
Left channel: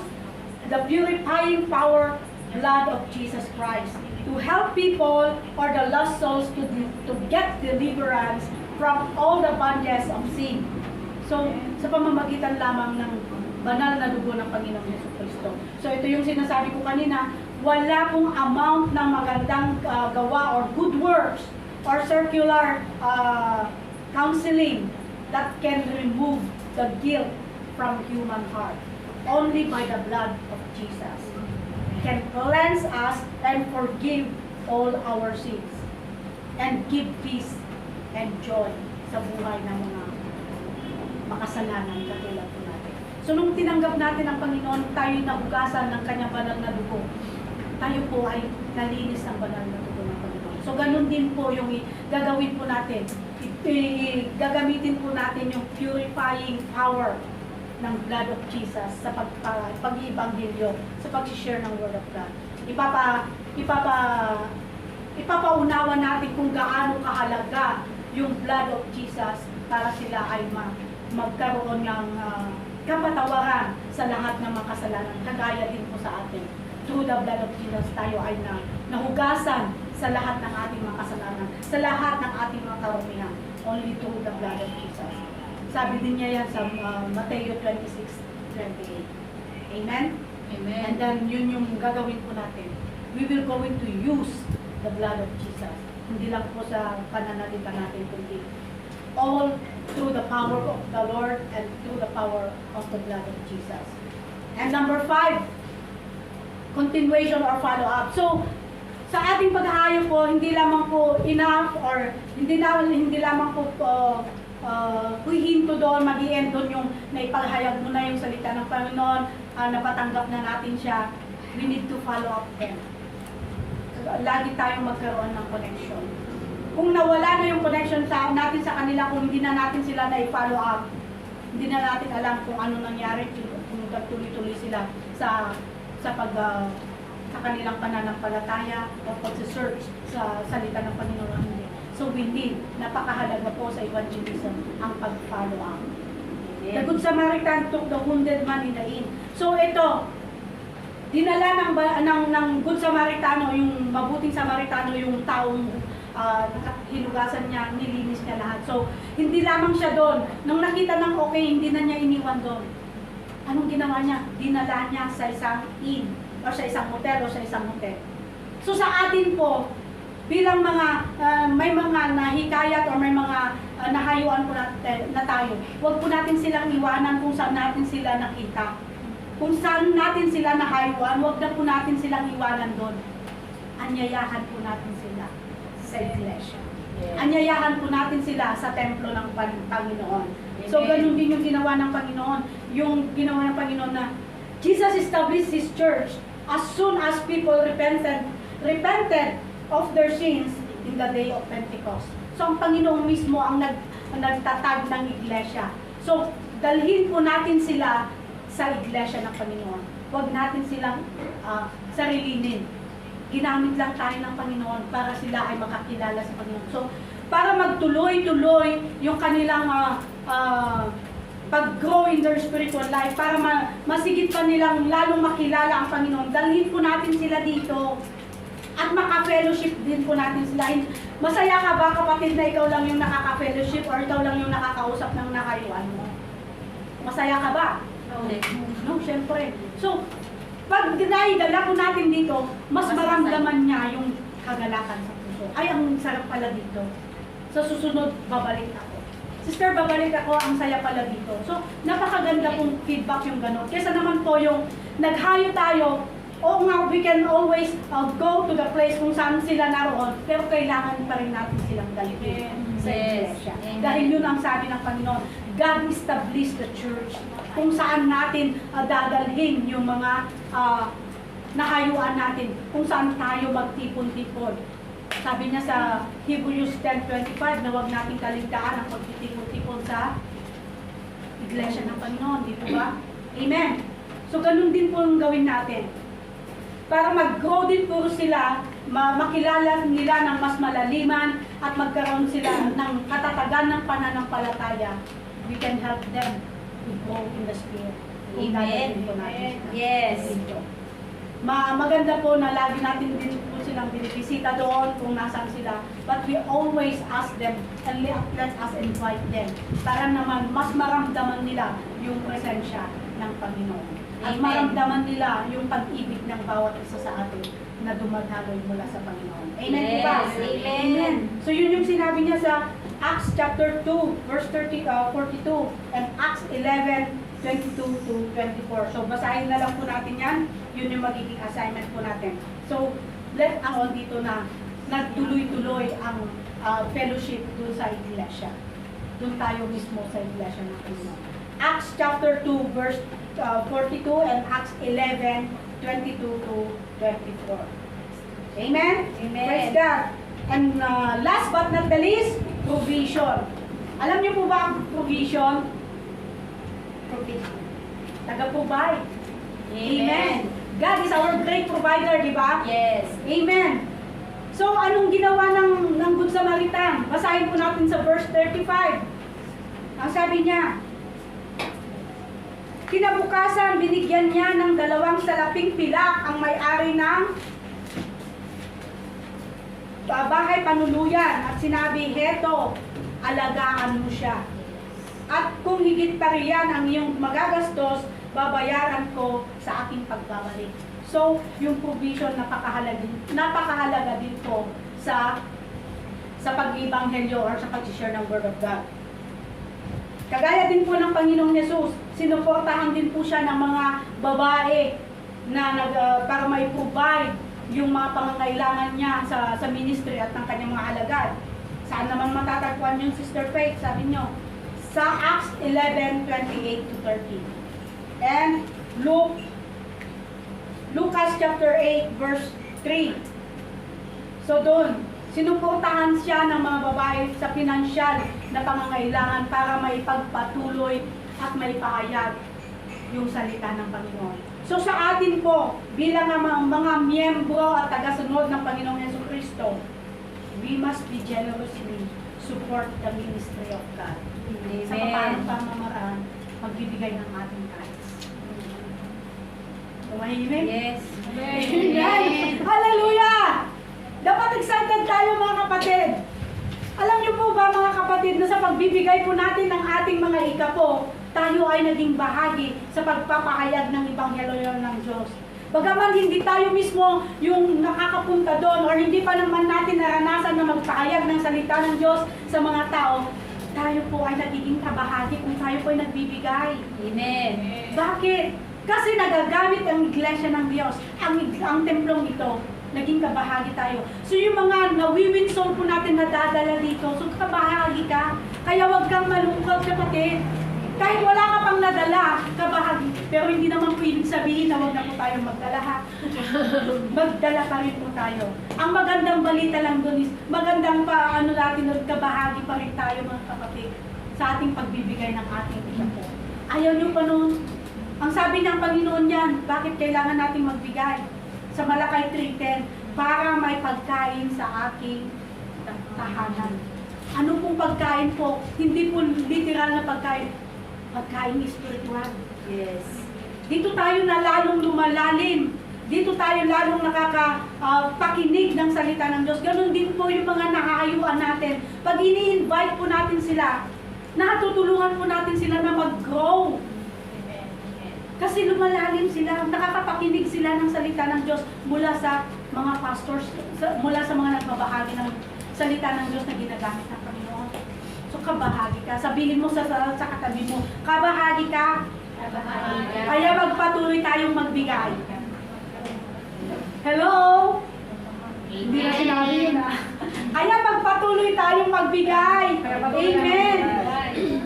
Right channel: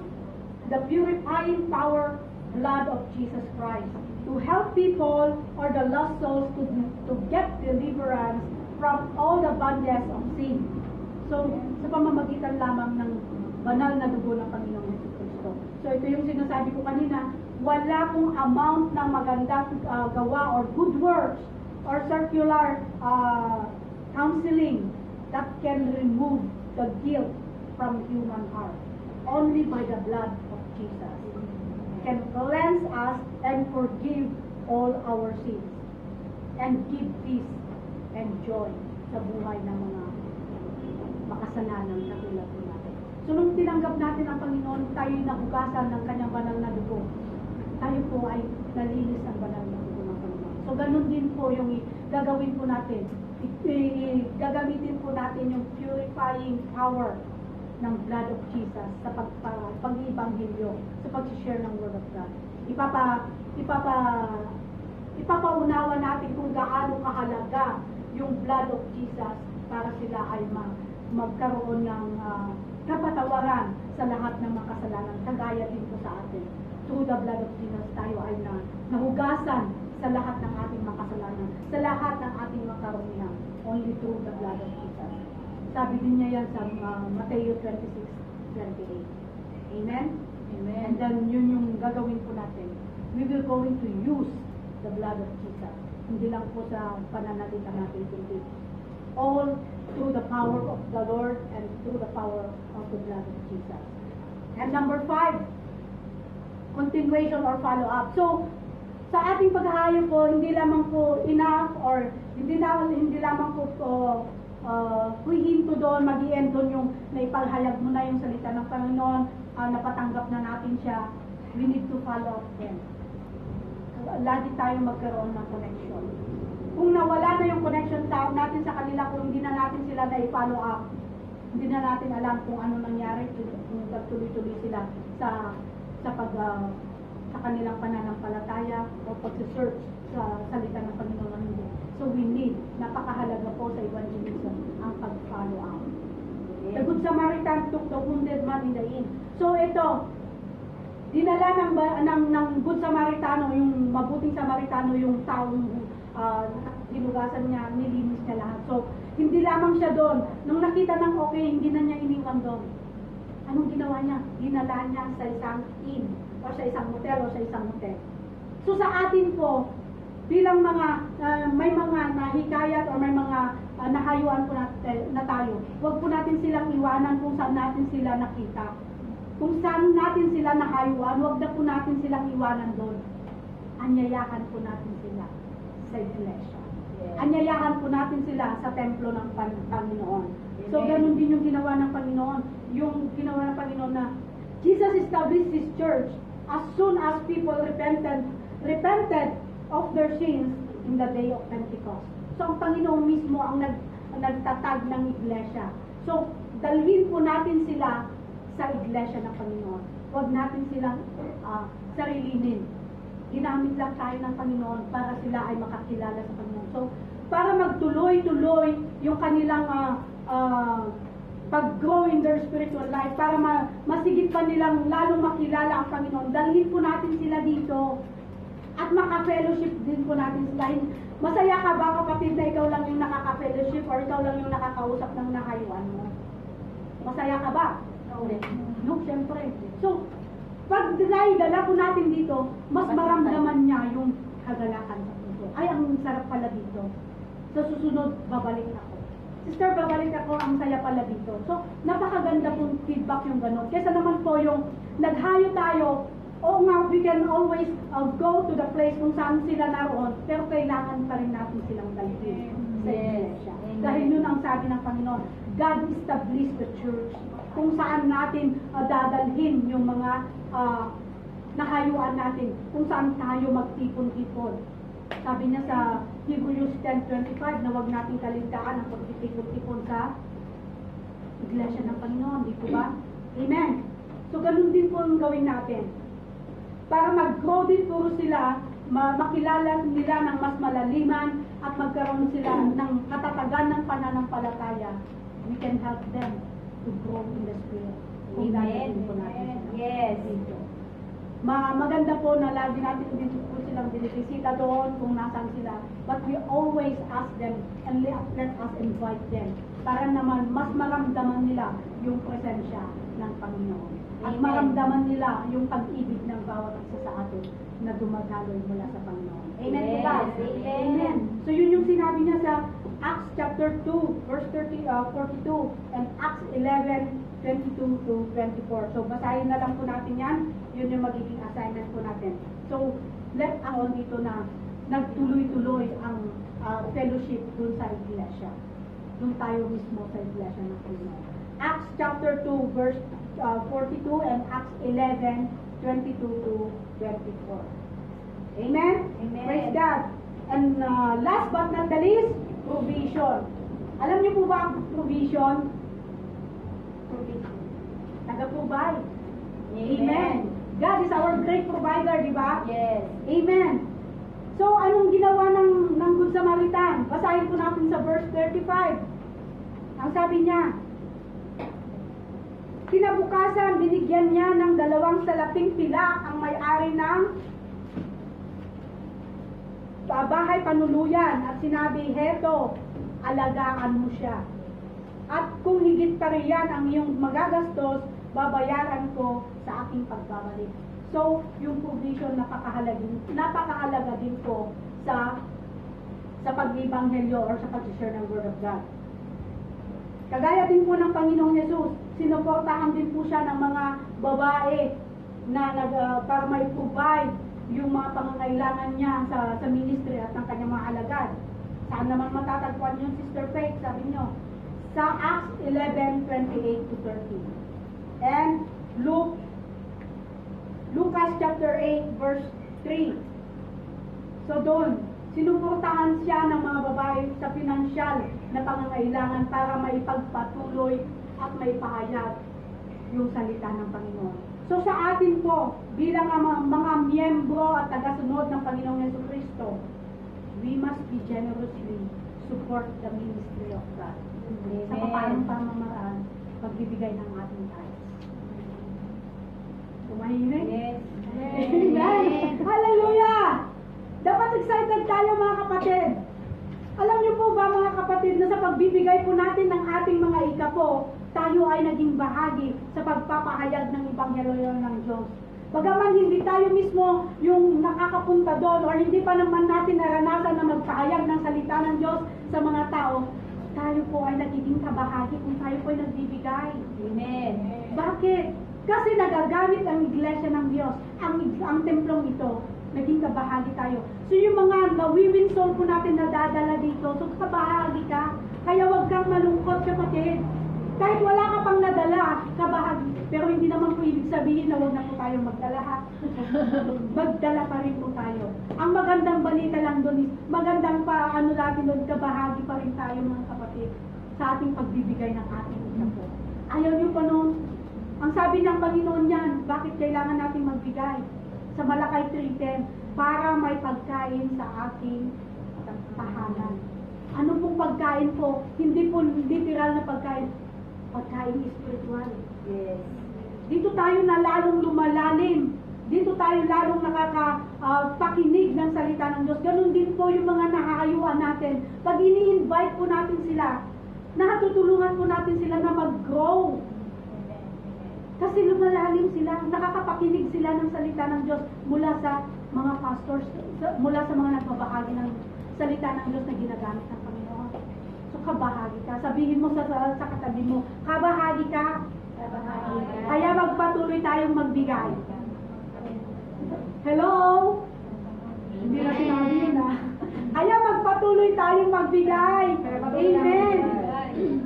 the purifying power blood of Jesus Christ to help people or the lost souls to get deliverance from all the bondages of sin. So, sa pamamagitan lamang ng banal na dugo ng Panginoong Jesucristo. So, ito yung sinasabi ko kanina, wala pong amount ng magandang gawa or good works or circular counseling that can remove the guilt from human heart. Only by the blood of Jesus can cleanse us and forgive all our sins and give peace and joy sa buhay ng mga makasalanan katulad po natin. So nung tinanggap natin ang Panginoon, tayo nahugasan ng kanyang banal na dugo. Tayo po ay nalinis ng banal na dugo ng Panginoon. So ganun din po yung gagawin po natin. Gagamitin po natin yung purifying power ng blood of Jesus sa pag-ibanghilyo, sa pag-share ng Word of God. Ipapaunawa natin kung gaano kahalaga yung blood of Jesus para sila ay magkaroon ng kapatawaran sa lahat ng mga kasalanan. Kagaya din po sa atin. Through the blood of Jesus, tayo ay nahugasan sa lahat ng ating mga kasalanan, sa lahat ng ating mga karumihan. Only through the blood of Jesus. Sabi din niya yan sa Matthew 26:28. Amen? Amen. And then yun yung gagawin po natin. We will going to use the blood of Jesus. Hindi lang po sa pananalita natin, kundi all through the power of the Lord and through the power of the blood of Jesus. And number 5, continuation or follow-up. So, sa ating paghahayo po, hindi lamang po enough or hindi lamang po huhinto doon, mag-i-end doon yung naipalhayag mo na yung salita ng Panginoon, napatanggap na natin siya. We need to follow up them. Lagi tayong magkaroon ng connection. Kung nawala na yung connection natin sa kanila, kung hindi na natin sila na-follow up, hindi na natin alam kung ano nangyari, kung nagtuloy-tuloy sila sa kanilang pananampalataya o pag-search sa salita ng Panginoon. So we need, napakahalaga po sa evangelism ang pag-follow up. The Good Samaritan took the wounded man in the inn. So ito, dinala ng Good Samaritano, yung mabuting Samaritano, yung taong hilugasan niya, nilinis niya lahat. So, hindi lamang siya doon. Nung nakita ng okay, hindi na niya iniwan doon. Anong ginawa niya? dinala niya sa isang inn, o sa isang hotel, o sa isang hotel. So sa atin po, bilang mga may mga nahikayat o may mga nahayuan po na tayo, huwag po natin silang iwanan kung saan natin sila nakita. Kung saan natin sila nahayuan, huwag na po natin silang iwanan doon. Anyayahan po natin sila sa iglesia. Anyayahan po natin sila sa templo ng Panginoon. So ganun din yung ginawa ng Panginoon. Yung ginawa ng Panginoon na Jesus established His church as soon as people repented of their sins in the day of Pentecost. So ang Panginoon mismo ang nagtatag ng iglesia. So dalhin po natin sila sa iglesia ng Panginoon. Huwag natin silang sarilinin. Ginamit lang tayo ng Panginoon para sila ay makakilala sa Panginoon. So para magtuloy-tuloy yung kanilang pag-grow in their spiritual life, para masigit pa nilang lalong makilala ang Panginoon, dalhin po natin sila dito at maka-fellowship din po natin sila. Masaya ka ba, kapatid, na ikaw lang yung nakaka-fellowship or ikaw lang yung nakakausap ng nakayuan mo? Masaya ka ba? No, syempre. So, pag naidala po natin dito, mas maramdaman niya yung kagalakan sa puso. Ay, ang sarap pala dito. Sa susunod, babalik ako. Sister, babalik ako, ang saya pala dito. So, napakaganda pong feedback yung gano'n. Kesa naman po yung naghayo tayo, oo nga, we can always go to the place kung saan sila naroon, pero kailangan pa rin natin silang dalhin sa iglesia. Dahil yun ang sabi ng Panginoon, God established the church kung saan natin dadalhin yung mga nahayuan natin, kung saan tayo magtipon-tipon. Sabi niya sa Hebrews 10:25 na huwag nating kaligtaan ang pagtitipon-tipon sa iglesia ng Panginoon, di po ba? Amen. So ganun din po ang gawin natin. Para mag-grow din po sila, makilala nila ng mas malaliman at magkaroon sila ng katatagan ng pananampalataya. We can help them to grow in the Spirit. Amen. Yes. Maganda po na lagi natin din po silang binibisita doon kung nasaan sila. But we always ask them and let us invite them para naman mas maramdaman nila yung presensya ng Panginoon. At Amen. maramdaman nila yung pag-ibig ng bawat isa sa atin na dumadaloy mula sa Panginoon. Amen po ba? Yes. Amen. Amen. So yun yung sinabi niya sa Acts chapter 2, verse 42, and Acts 11:22 to 24. So basahin na lang po natin yan. Yun yung magiging assignment po natin. So let us dito na nagtuloy-tuloy ang fellowship dun sa iglesia. Dun tayo mismo sa iglesia ng Panginoon. Acts chapter 2, verse 42 and Acts 11:22 to 24. Amen? Amen. Praise God. And last but not the least, provision. Alam niyo po ba ang provision? Provision. Taga-provide. Amen. God is our great provider, di ba? Yes. Amen. So, anong ginawa ng Good Samaritan? Basahin po natin sa verse 35. Ang sabi niya, kinabukasan, binigyan niya ng 2 salaping pilak ang may-ari ng bahay panuluyan at sinabi, heto, alagaan mo siya. At kung higit pa riyan ang iyong magagastos, babayaran ko sa aking pagbabalik. So, yung provision napakahalaga din po sa pag-ibanghelyo or sa pag-share ng Word of God. Kagaya din po ng Panginoong Yesus, sinuportahan din po siya ng mga babae na para may provide yung mga pangangailangan niya sa ministry at ng kanyang mga alagad. Saan naman matatagpuan yung Sister Faith? Sabi nyo, sa Acts 11:28 to 30. And Lucas chapter 8 verse 3. So doon, sinuportahan siya ng mga babae sa pinansyal na pangangailangan para maipagpatuloy at maipahayag yung salita ng Panginoon. So sa atin po, bilang mga miyembro at tagasunod ng Panginoong Jesucristo, we must be generously support the ministry of God. Amen. Sa paanong pamamaraan, pagbibigay ng ating tithes. Tumahimik? Yes. Amen. Hallelujah! Dapat excited tayo mga kapatid. Alam niyo po ba mga kapatid na sa pagbibigay po natin ng ating mga ikapo, tayo ay naging bahagi sa pagpapahayag ng Ebanghelyo ng Diyos. Bagaman hindi tayo mismo yung nakakapunta doon or hindi pa naman natin naranasan na magpahayag ng salita ng Diyos sa mga tao, tayo po ay nagiging kabahagi kung tayo po ay nagbibigay. Amen. Bakit? Kasi nagagamit ang iglesia ng Diyos, ang templong ito, naging kabahagi tayo. So yung mga nawiwin soul po natin nadadala dito, so kabahagi ka. Kaya wag kang malungkot, kapatid. Kahit wala ka pang nadala, kabahagi. Pero hindi naman po ibig sabihin na wag na po tayo magdala, ha? Magdala pa rin po tayo. Ang magandang balita lang doon is, magandang natin doon, kabahagi pa rin tayo mga kapatid sa ating pagbibigay ng ating ito. Ayaw nyo pa noon. Ang sabi ng Panginoon yan, bakit kailangan nating magbigay? Sa Malakay 3:10, para may pagkain sa aking tahanan. Ano pong pagkain po? Hindi po literal na pagkain. Pagkain spiritual. Yes. Dito tayo na lalong lumalalim. Dito tayo lalong nakakapakinig ng salita ng Diyos. Ganon din po yung mga nakakayuan natin. Pag ini-invite po natin sila, nakatutulungan po natin sila na mag-grow. Kasi lumalalim sila, nakakapakinig sila ng salita ng Diyos mula sa mga pastors, mula sa mga nagbabahagi ng salita ng Diyos na ginagamit ng Panginoon. So kabahagi ka. Sabihin mo sa katabi mo, kabahagi ka. Kabahagi ka. Kaya magpatuloy tayong magbigay. Hello? Hindi na sinabi yun, ha? Kaya magpatuloy tayong magbigay. Amen.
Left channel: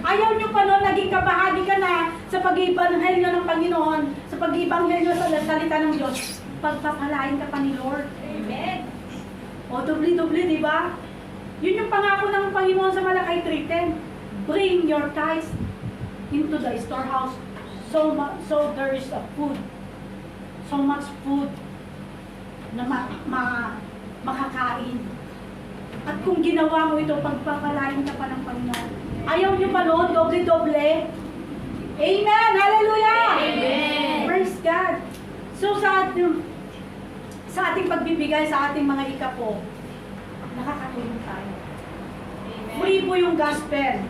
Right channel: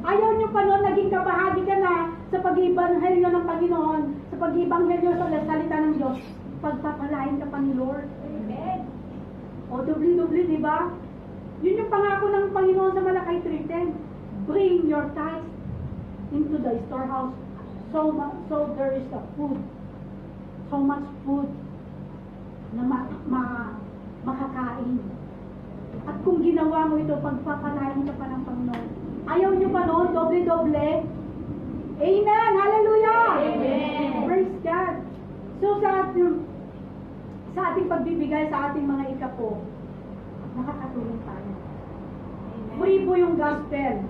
Ayaw nyo pa noon, naging kabahagi ka na sa pag-ibanghelyo ng Panginoon, sa pag-ibanghelyo sa salita ng Diyos. Pagpapalain ka pa ni Lord. Amen. O, dubli-dubli, di ba? Yun yung pangako ng Panginoon sa Malakay 3:10. Bring your tithes into the storehouse so there is a food. So much food na makakain. At kung ginawa mo ito, pagpapalain ka pa ng Panginoon. Ayaw nyo pa noon, doble-doble. Amen! Hallelujah! Amen! Praise God! So sa ating pagbibigay sa ating mga ikapo, nakakatulong tayo. Amen. Free po yung gospel.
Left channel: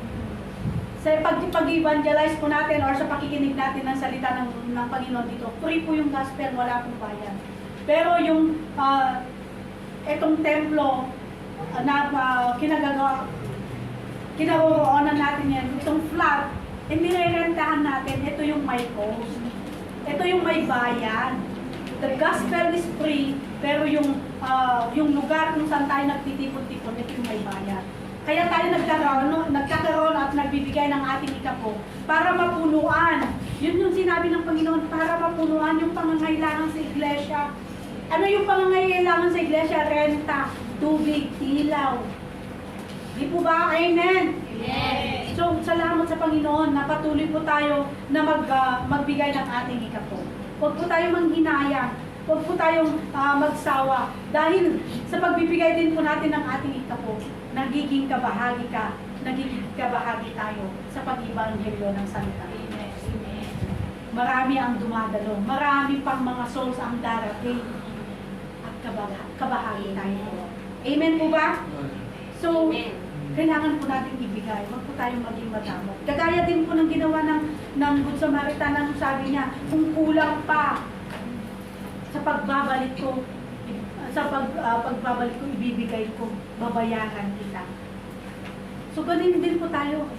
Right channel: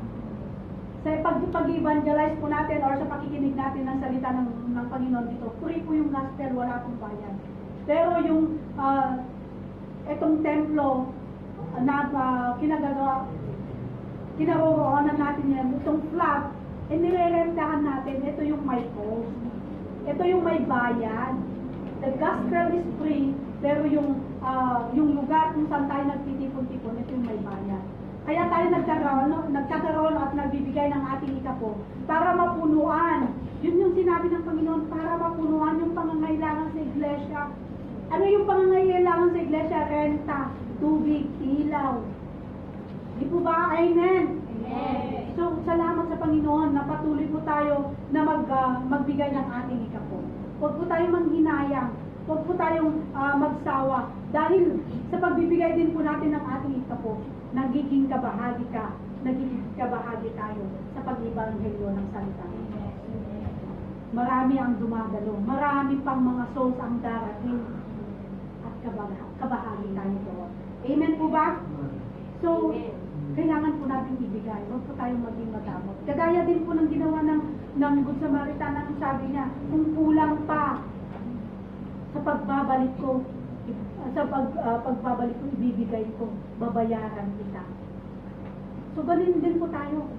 Sa pag-evangelize po natin or sa pakikinig natin ng salita ng Panginoon dito, free po yung gospel, wala pong bayad. Pero yung etong templo na kinaroroonan natin yan, itong flat, nirerentahan natin, ito yung may cost. Ito yung may bayad. The gospel is free, pero yung lugar kung saan tayo nagtitipon-tipon, ito yung may bayad. Kaya tayo nagkakaroon at nagbibigay ng ating ikapo para mapunuan. Yun yung sinabi ng Panginoon, para mapunuan yung pangangailangan sa iglesia. Ano yung pangangailangan sa iglesia? Renta, tubig, ilaw. Di po ba? Amen? Amen. So, salamat sa Panginoon na patuloy po tayo na magbigay ng ating ikapo. Huwag po tayong manghinayang. Huwag po tayong magsawa. Dahil sa pagbibigay din po natin ng ating ikapo, nagiging kabahagi ka, nagiging kabahagi tayo sa pag-ibanghelyo ng salita. Marami ang dumadalo. Marami pang mga souls ang darating. At kabahagi tayo. Amen po ba? So, kailangan po natin ibigay. Huwag po tayong maging madamot. Kagaya din po ng ginawa ng Good Samaritan, ang sabi niya, kung kulang pa sa pagbabalik ko, pagbabalik ko, ibibigay ko, babayaran kita. So, ganun din po tayo.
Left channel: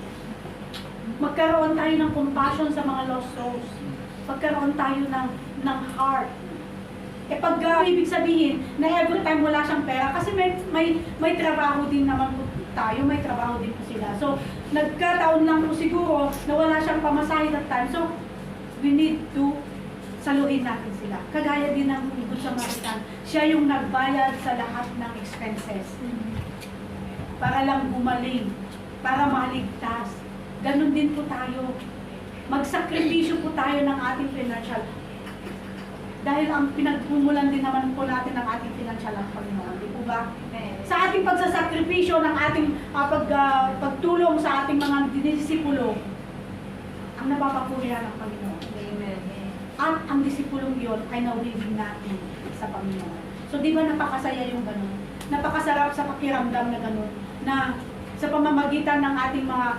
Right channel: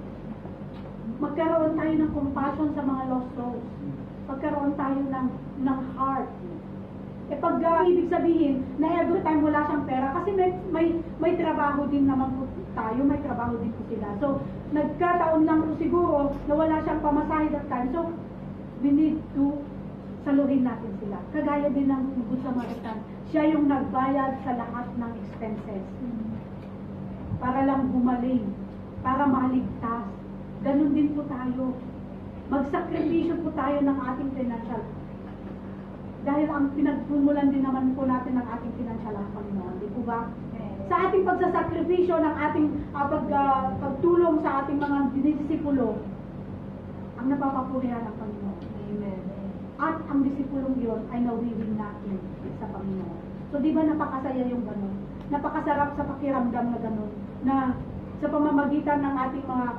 Magkaroon tayo ng compassion sa mga lost souls. Magkaroon tayo ng heart. Pag ibig sabihin na every time wala siyang pera, kasi may trabaho din naman po tayo, may trabaho din po sila. So, nagkataon lang po siguro na wala siyang pamasahe that time. So, we need to saluhin natin sila. Kagaya din ng Good Samaritan. Siya yung nagbayad sa lahat ng expenses. Para lang gumaling, para maligtas. Ganon din po tayo. Magsakripisyo po tayo ng ating financial. Dahil ang pinagpumulan din naman po natin ng ating financial ang Panginoon. Di po ba? Sa ating pagsasakripisyo ng ating pagtulong sa ating mga disipulo, ang napapapurihan ng Panginoon. Amen. At ang disipulong yon ay nawiwing natin sa Panginoon. So di ba napakasaya yung ganun? Napakasarap sa pakiramdam na ganun, na sa pamamagitan ng ating mga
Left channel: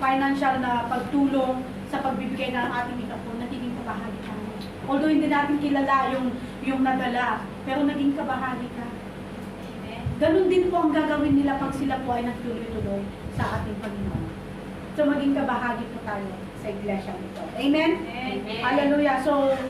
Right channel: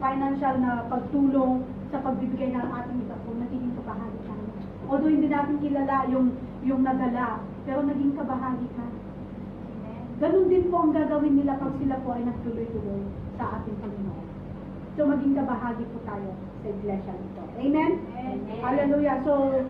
financial na pagtulong sa pagbibigay ng ating mikapon, nagiging kabahagi ka. Although hindi natin kilala yung nadala, pero naging kabahagi ka. Amen. Ganon din po ang gagawin nila pag sila po ay nagtuloy-tuloy sa ating Panginoon. So maging kabahagi po tayo sa iglesia nito. Amen? Amen. Hallelujah. So